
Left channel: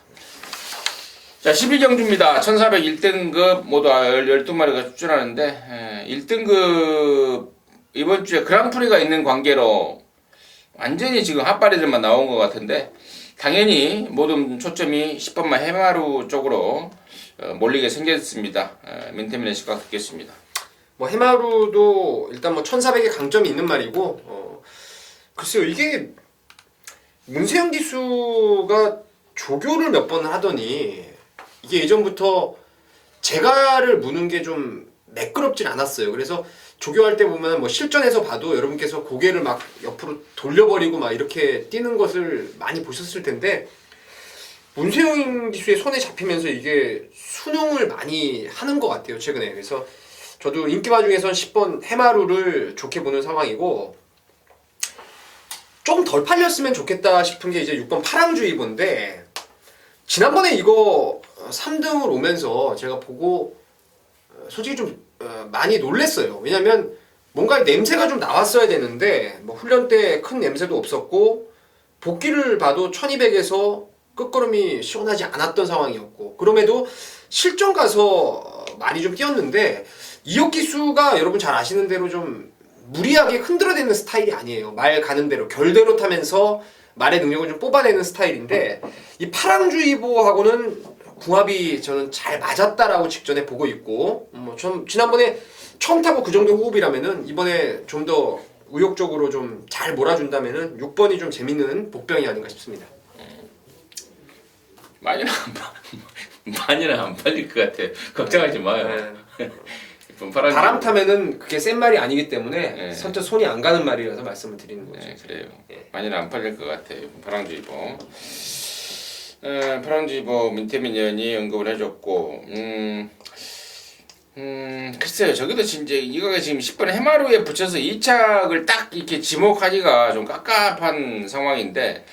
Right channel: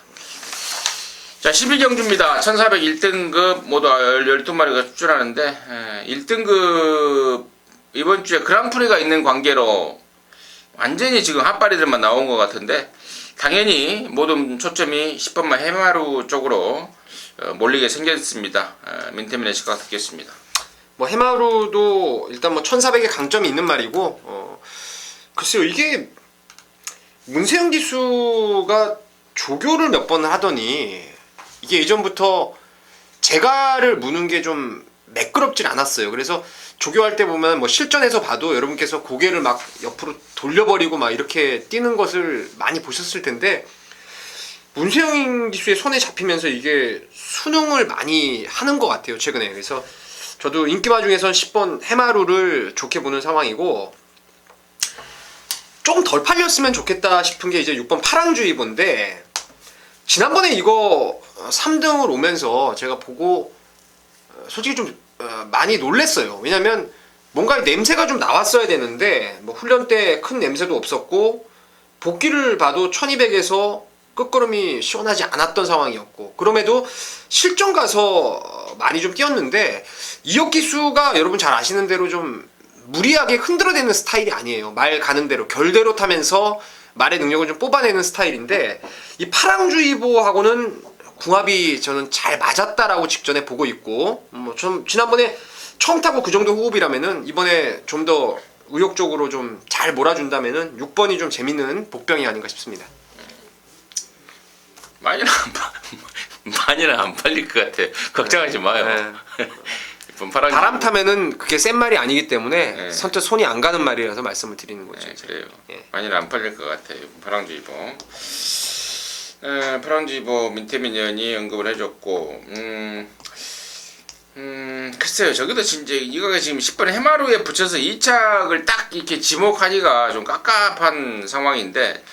자, 11경주입니다. 1401등급 모두 12마리가 출전하는데 1등급 이번 주에 그랑프리가 있는 관계로 완전히 지금 핫바리들만 나온 것 같은데 당연히 모든 초점이 10번만 해마루 쪽으로 몰리게 생겼습니다. 민태민의 시각 듣겠습니다. 뭐 해마루도 일단 뭐 1400의 강점이 있는 말이고 글쎄요 이게 문세영 기수가 조교를 몇 번을 하더니 이게 예전부터 재갈을 무는 게 좀 매끄럽진 않았어요. 그래서 조교할 때 보면 뭐 실전에서 봐도 여러분께서 고개를 막 옆으로 돌려버리고 막 이렇게 뛰는 것을 많이 보셨을 텐데 문세영 기수의 손에 잡히면서 이게 수능을 많이 하는 것 같아요 최근에. 그래서 저도 인기마 중에선 10번 해마루를 좋게 보는 상황이고 좀 덜 팔렸으면 좋겠다 싶은 게 이제 6번 파랑주의보인데 지난번에 이거 3등을 오면서 제가 보고 솔직히 좀 많이 놀랬어요. 왜냐면 뭔가 냄새가 좀 나왔어야 되는데 뭐 훈련 때 큰 냄새도 없었고 복귀를 봐도 1200에서 끝걸음이 시원하지 않았던 상황이었고 그럼에도 실전 가서 많이 좀 뛰었는데 이혁 기수가 여러분 잘 아시는 대로 좀 무리하게 흔들어대는 스타일이 아니에요. 말 가는 대로 결대로 타면서 말의 능력을 좀 뽑아내는 스타일인데 이 파랑주의보하고는 궁합이 저는 잘 맞았다라고 직전에 보고 있고 뭐 좀 지난번에 처음 타고 그 정도 호흡이라면은 이번에 좀 더 의욕적으로 좀 잘 몰아준다면은 6번이 좀 재밌는 복병이 아닌가 싶습니다. 많이는 안 팔릴 것 같아. 걱정하지 마요. 바람 타면은 그게 센 말이 아니기 때문에 선뜻 손이 안 가는 말이라서 말씀을 드리는 거죠. 네, 그래요. 많이는 안 팔릴 것 같아요. 파랑주의보. 파랑주의보 민태민 의원이 언급을 해줬고, 글쎄요. 저기도 진짜 이거가 지금 10번 해마루에 붙여서 2착을 딱 이렇게 지목하기가 좀 깝깝한 상황인데.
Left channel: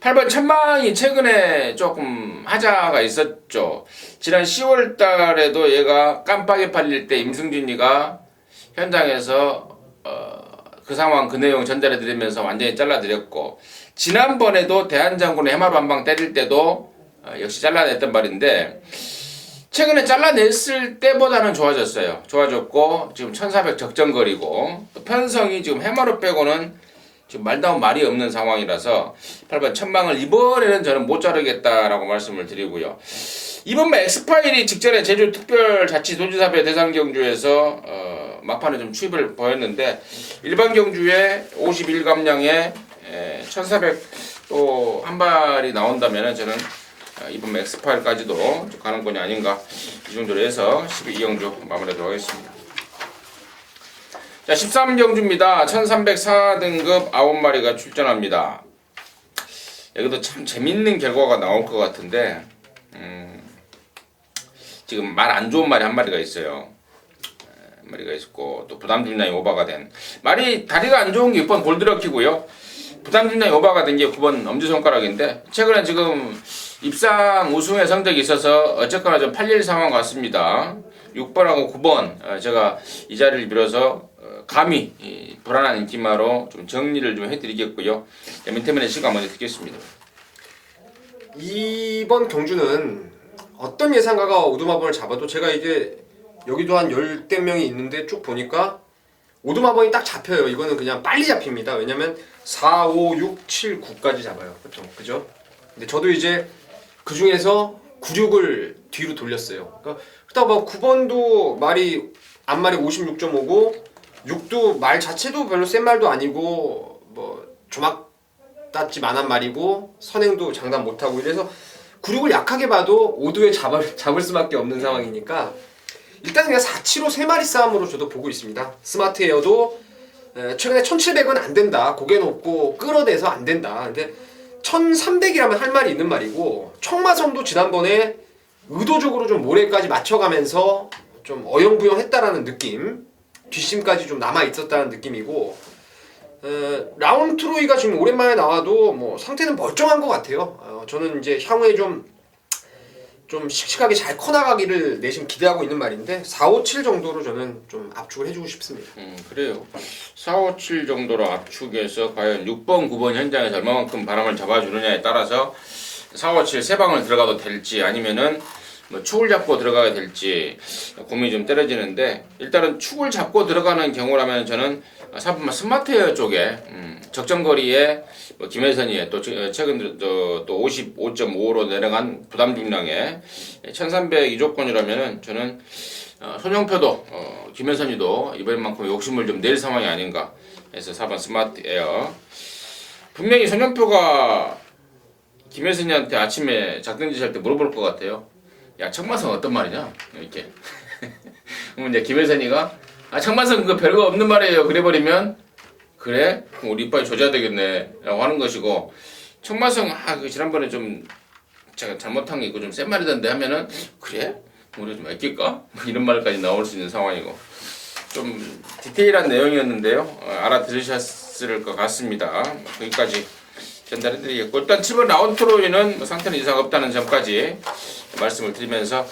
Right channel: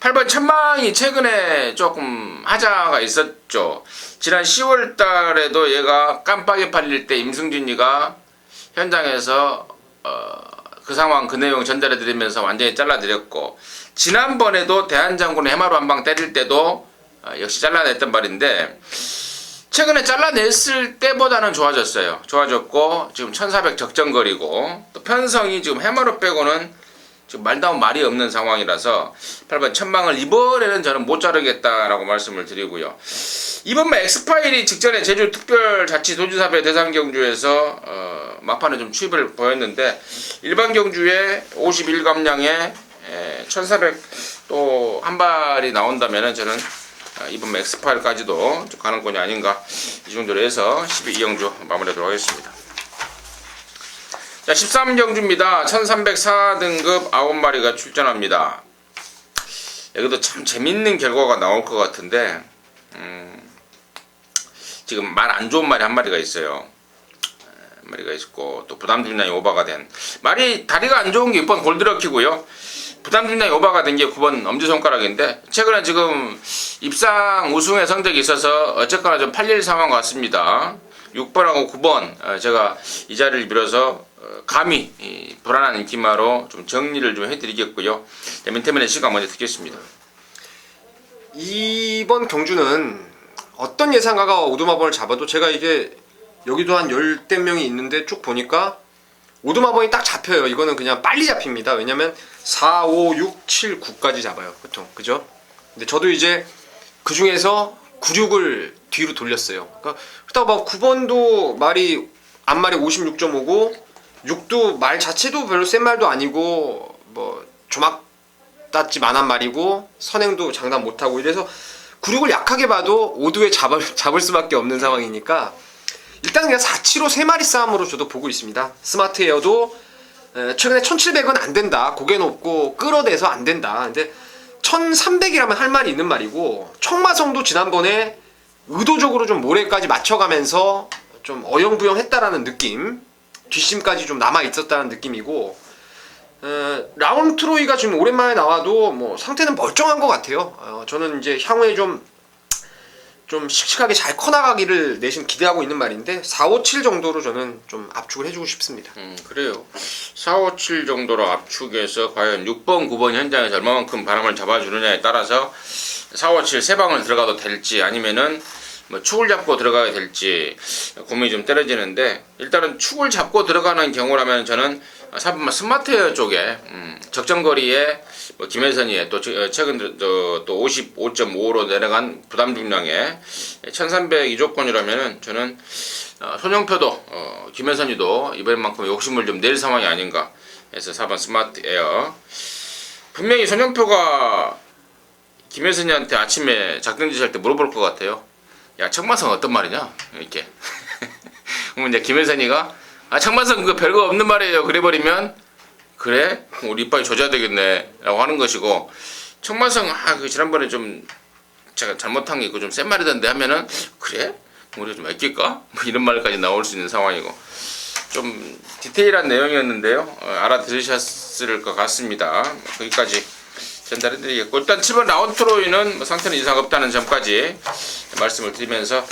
8번 천망이 최근에 조금 하자가 있었죠. 지난 10월 달에도 얘가 깜빡이 팔릴 때 임승준이가 현장에서 그 상황 그 내용 전달해 드리면서 완전히 잘라드렸고 지난번에도 대한장군의 해마루 한 방 때릴 때도 역시 잘라냈단 말인데 최근에 잘라냈을 때보다는 좋아졌어요. 좋아졌고 지금 1400 적정거리고 또 편성이 지금 해마루 빼고는 지금 말다운 말이 없는 상황이라서 8번 천망을 이번에는 저는 못 자르겠다라고 말씀을 드리고요. 이번만 엑스파일이 직전에 제주특별자치도지사회 대상경주에서 막판에 좀 추입을 보였는데 일반 경주에 51감량에 1400 또 한 발이 나온다면은 저는 이번 엑스파일까지도 가능권이 아닌가 이 정도로 해서 12경주 마무리하도록 하겠습니다. 자, 13경주입니다. 1300 상하등급 9마리가 출전합니다. 여기도 참 재밌는 결과가 나올 것 같은데 지금 말 안 좋은 말이 한 마리가 있어요. 한 마리가 있고 또 부담 중량이 오버가 된 말이 다리가 안 좋은 게 6번 골드럭키고요. 부담 중량이 오버가 된 게 9번 엄지손가락인데 최근에 지금 입상 우승의 성적이 있어서 어쨌거나 좀 팔릴 상황 같습니다. 6번하고 9번 제가 이 자리를 빌어서 감히 이 불안한 인기마로 좀 정리를 좀 해드리겠고요. 민태민의 시간 먼저 듣겠습니다. 이번 경주는 어떤 예상가가 오두마번을 잡아도 제가 이제 여기도 한 열댓 명이 있는데 쭉 보니까 오두마번이 딱 잡혀요. 이거는 그냥 빨리 잡힙니다. 왜냐면 4, 5, 6, 7, 9까지 잡아요. 보통. 그죠? 근데 저도 이제 그 중에서 9, 6을 뒤로 돌렸어요. 그러다 막 9번도 말이 앞말이 56.5고 6도 말 자체도 별로 센 말도 아니고 뭐 조막 땄지만한 말이고 선행도 장담 못하고 이래서 9, 6을 약하게 봐도 5도에 잡을 수밖에 없는 상황이니까 일단 그냥 4, 7호 3마리 싸움으로 저도 보고 있습니다. 스마트 에어도 최근에 1700은 안 된다. 고개 높고 끌어대서 안 된다. 근데 1300이라면 할 말이 있는 말이고 청마성도 지난번에 의도적으로 좀 모래까지 맞춰가면서 좀 어영부영 했다라는 느낌, 뒷심까지 좀 남아있었다는 느낌이고 라운트로이가 지금 오랜만에 나와도 뭐 상태는 멀쩡한 것 같아요. 저는 이제 향후에 좀 씩씩하게 잘 커나가기를 내심 기대하고 있는 말인데 4, 5, 7 정도로 저는 좀 압축을 해주고 싶습니다. 그래요. 4, 5, 7 정도로 압축해서 과연 6번, 9번 현장에서 얼마만큼 바람을 잡아주느냐에 따라서 4, 5, 7 세 방을 들어가도 될지 아니면은 뭐 축을 잡고 들어가야 될지 고민이 좀 떨어지는데 일단은 축을 잡고 들어가는 경우라면 저는 4번 스마트 쪽에 적정거리에 뭐 김혜선이의 또 최근 또 55.5로 내려간 부담 중량에 1300 이조권이라면은 저는 손영표도 김혜선이도 이번만큼 욕심을 좀 낼 상황이 아닌가 해서 4번 스마트 에어. 분명히 손영표가 김혜선이한테 아침에 작전지 할 때 물어볼 것 같아요. 야, 청마성 어떤 말이냐? 이렇게. 그러면 이제 김혜선이가 청마성 그거 별거 없는 말이에요. 그래버리면 그래? 우리 이빨이 조져야 되겠네 라고 하는 것이고 청마성 그 지난번에 좀 제가 잘못한 게 있고 좀 센 말이던데 하면은 그래? 우리 좀 아낄까? 뭐 이런 말까지 나올 수 있는 상황이고 좀 디테일한 내용이었는데요. 알아들으셨을 것 같습니다. 거기까지 전달해드리겠고 일단 7번 라운트로이는 뭐 상태는 이상 없다는 점까지 말씀을 드리면서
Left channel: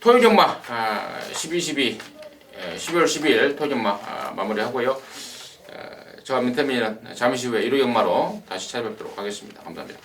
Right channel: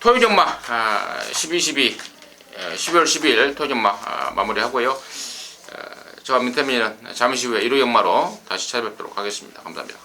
토요정마 12.12 12월 10일 토요정마 마무리하고요. 저와 민태민은 잠시 후에 1호 연마로 다시 찾아뵙도록 하겠습니다. 감사합니다.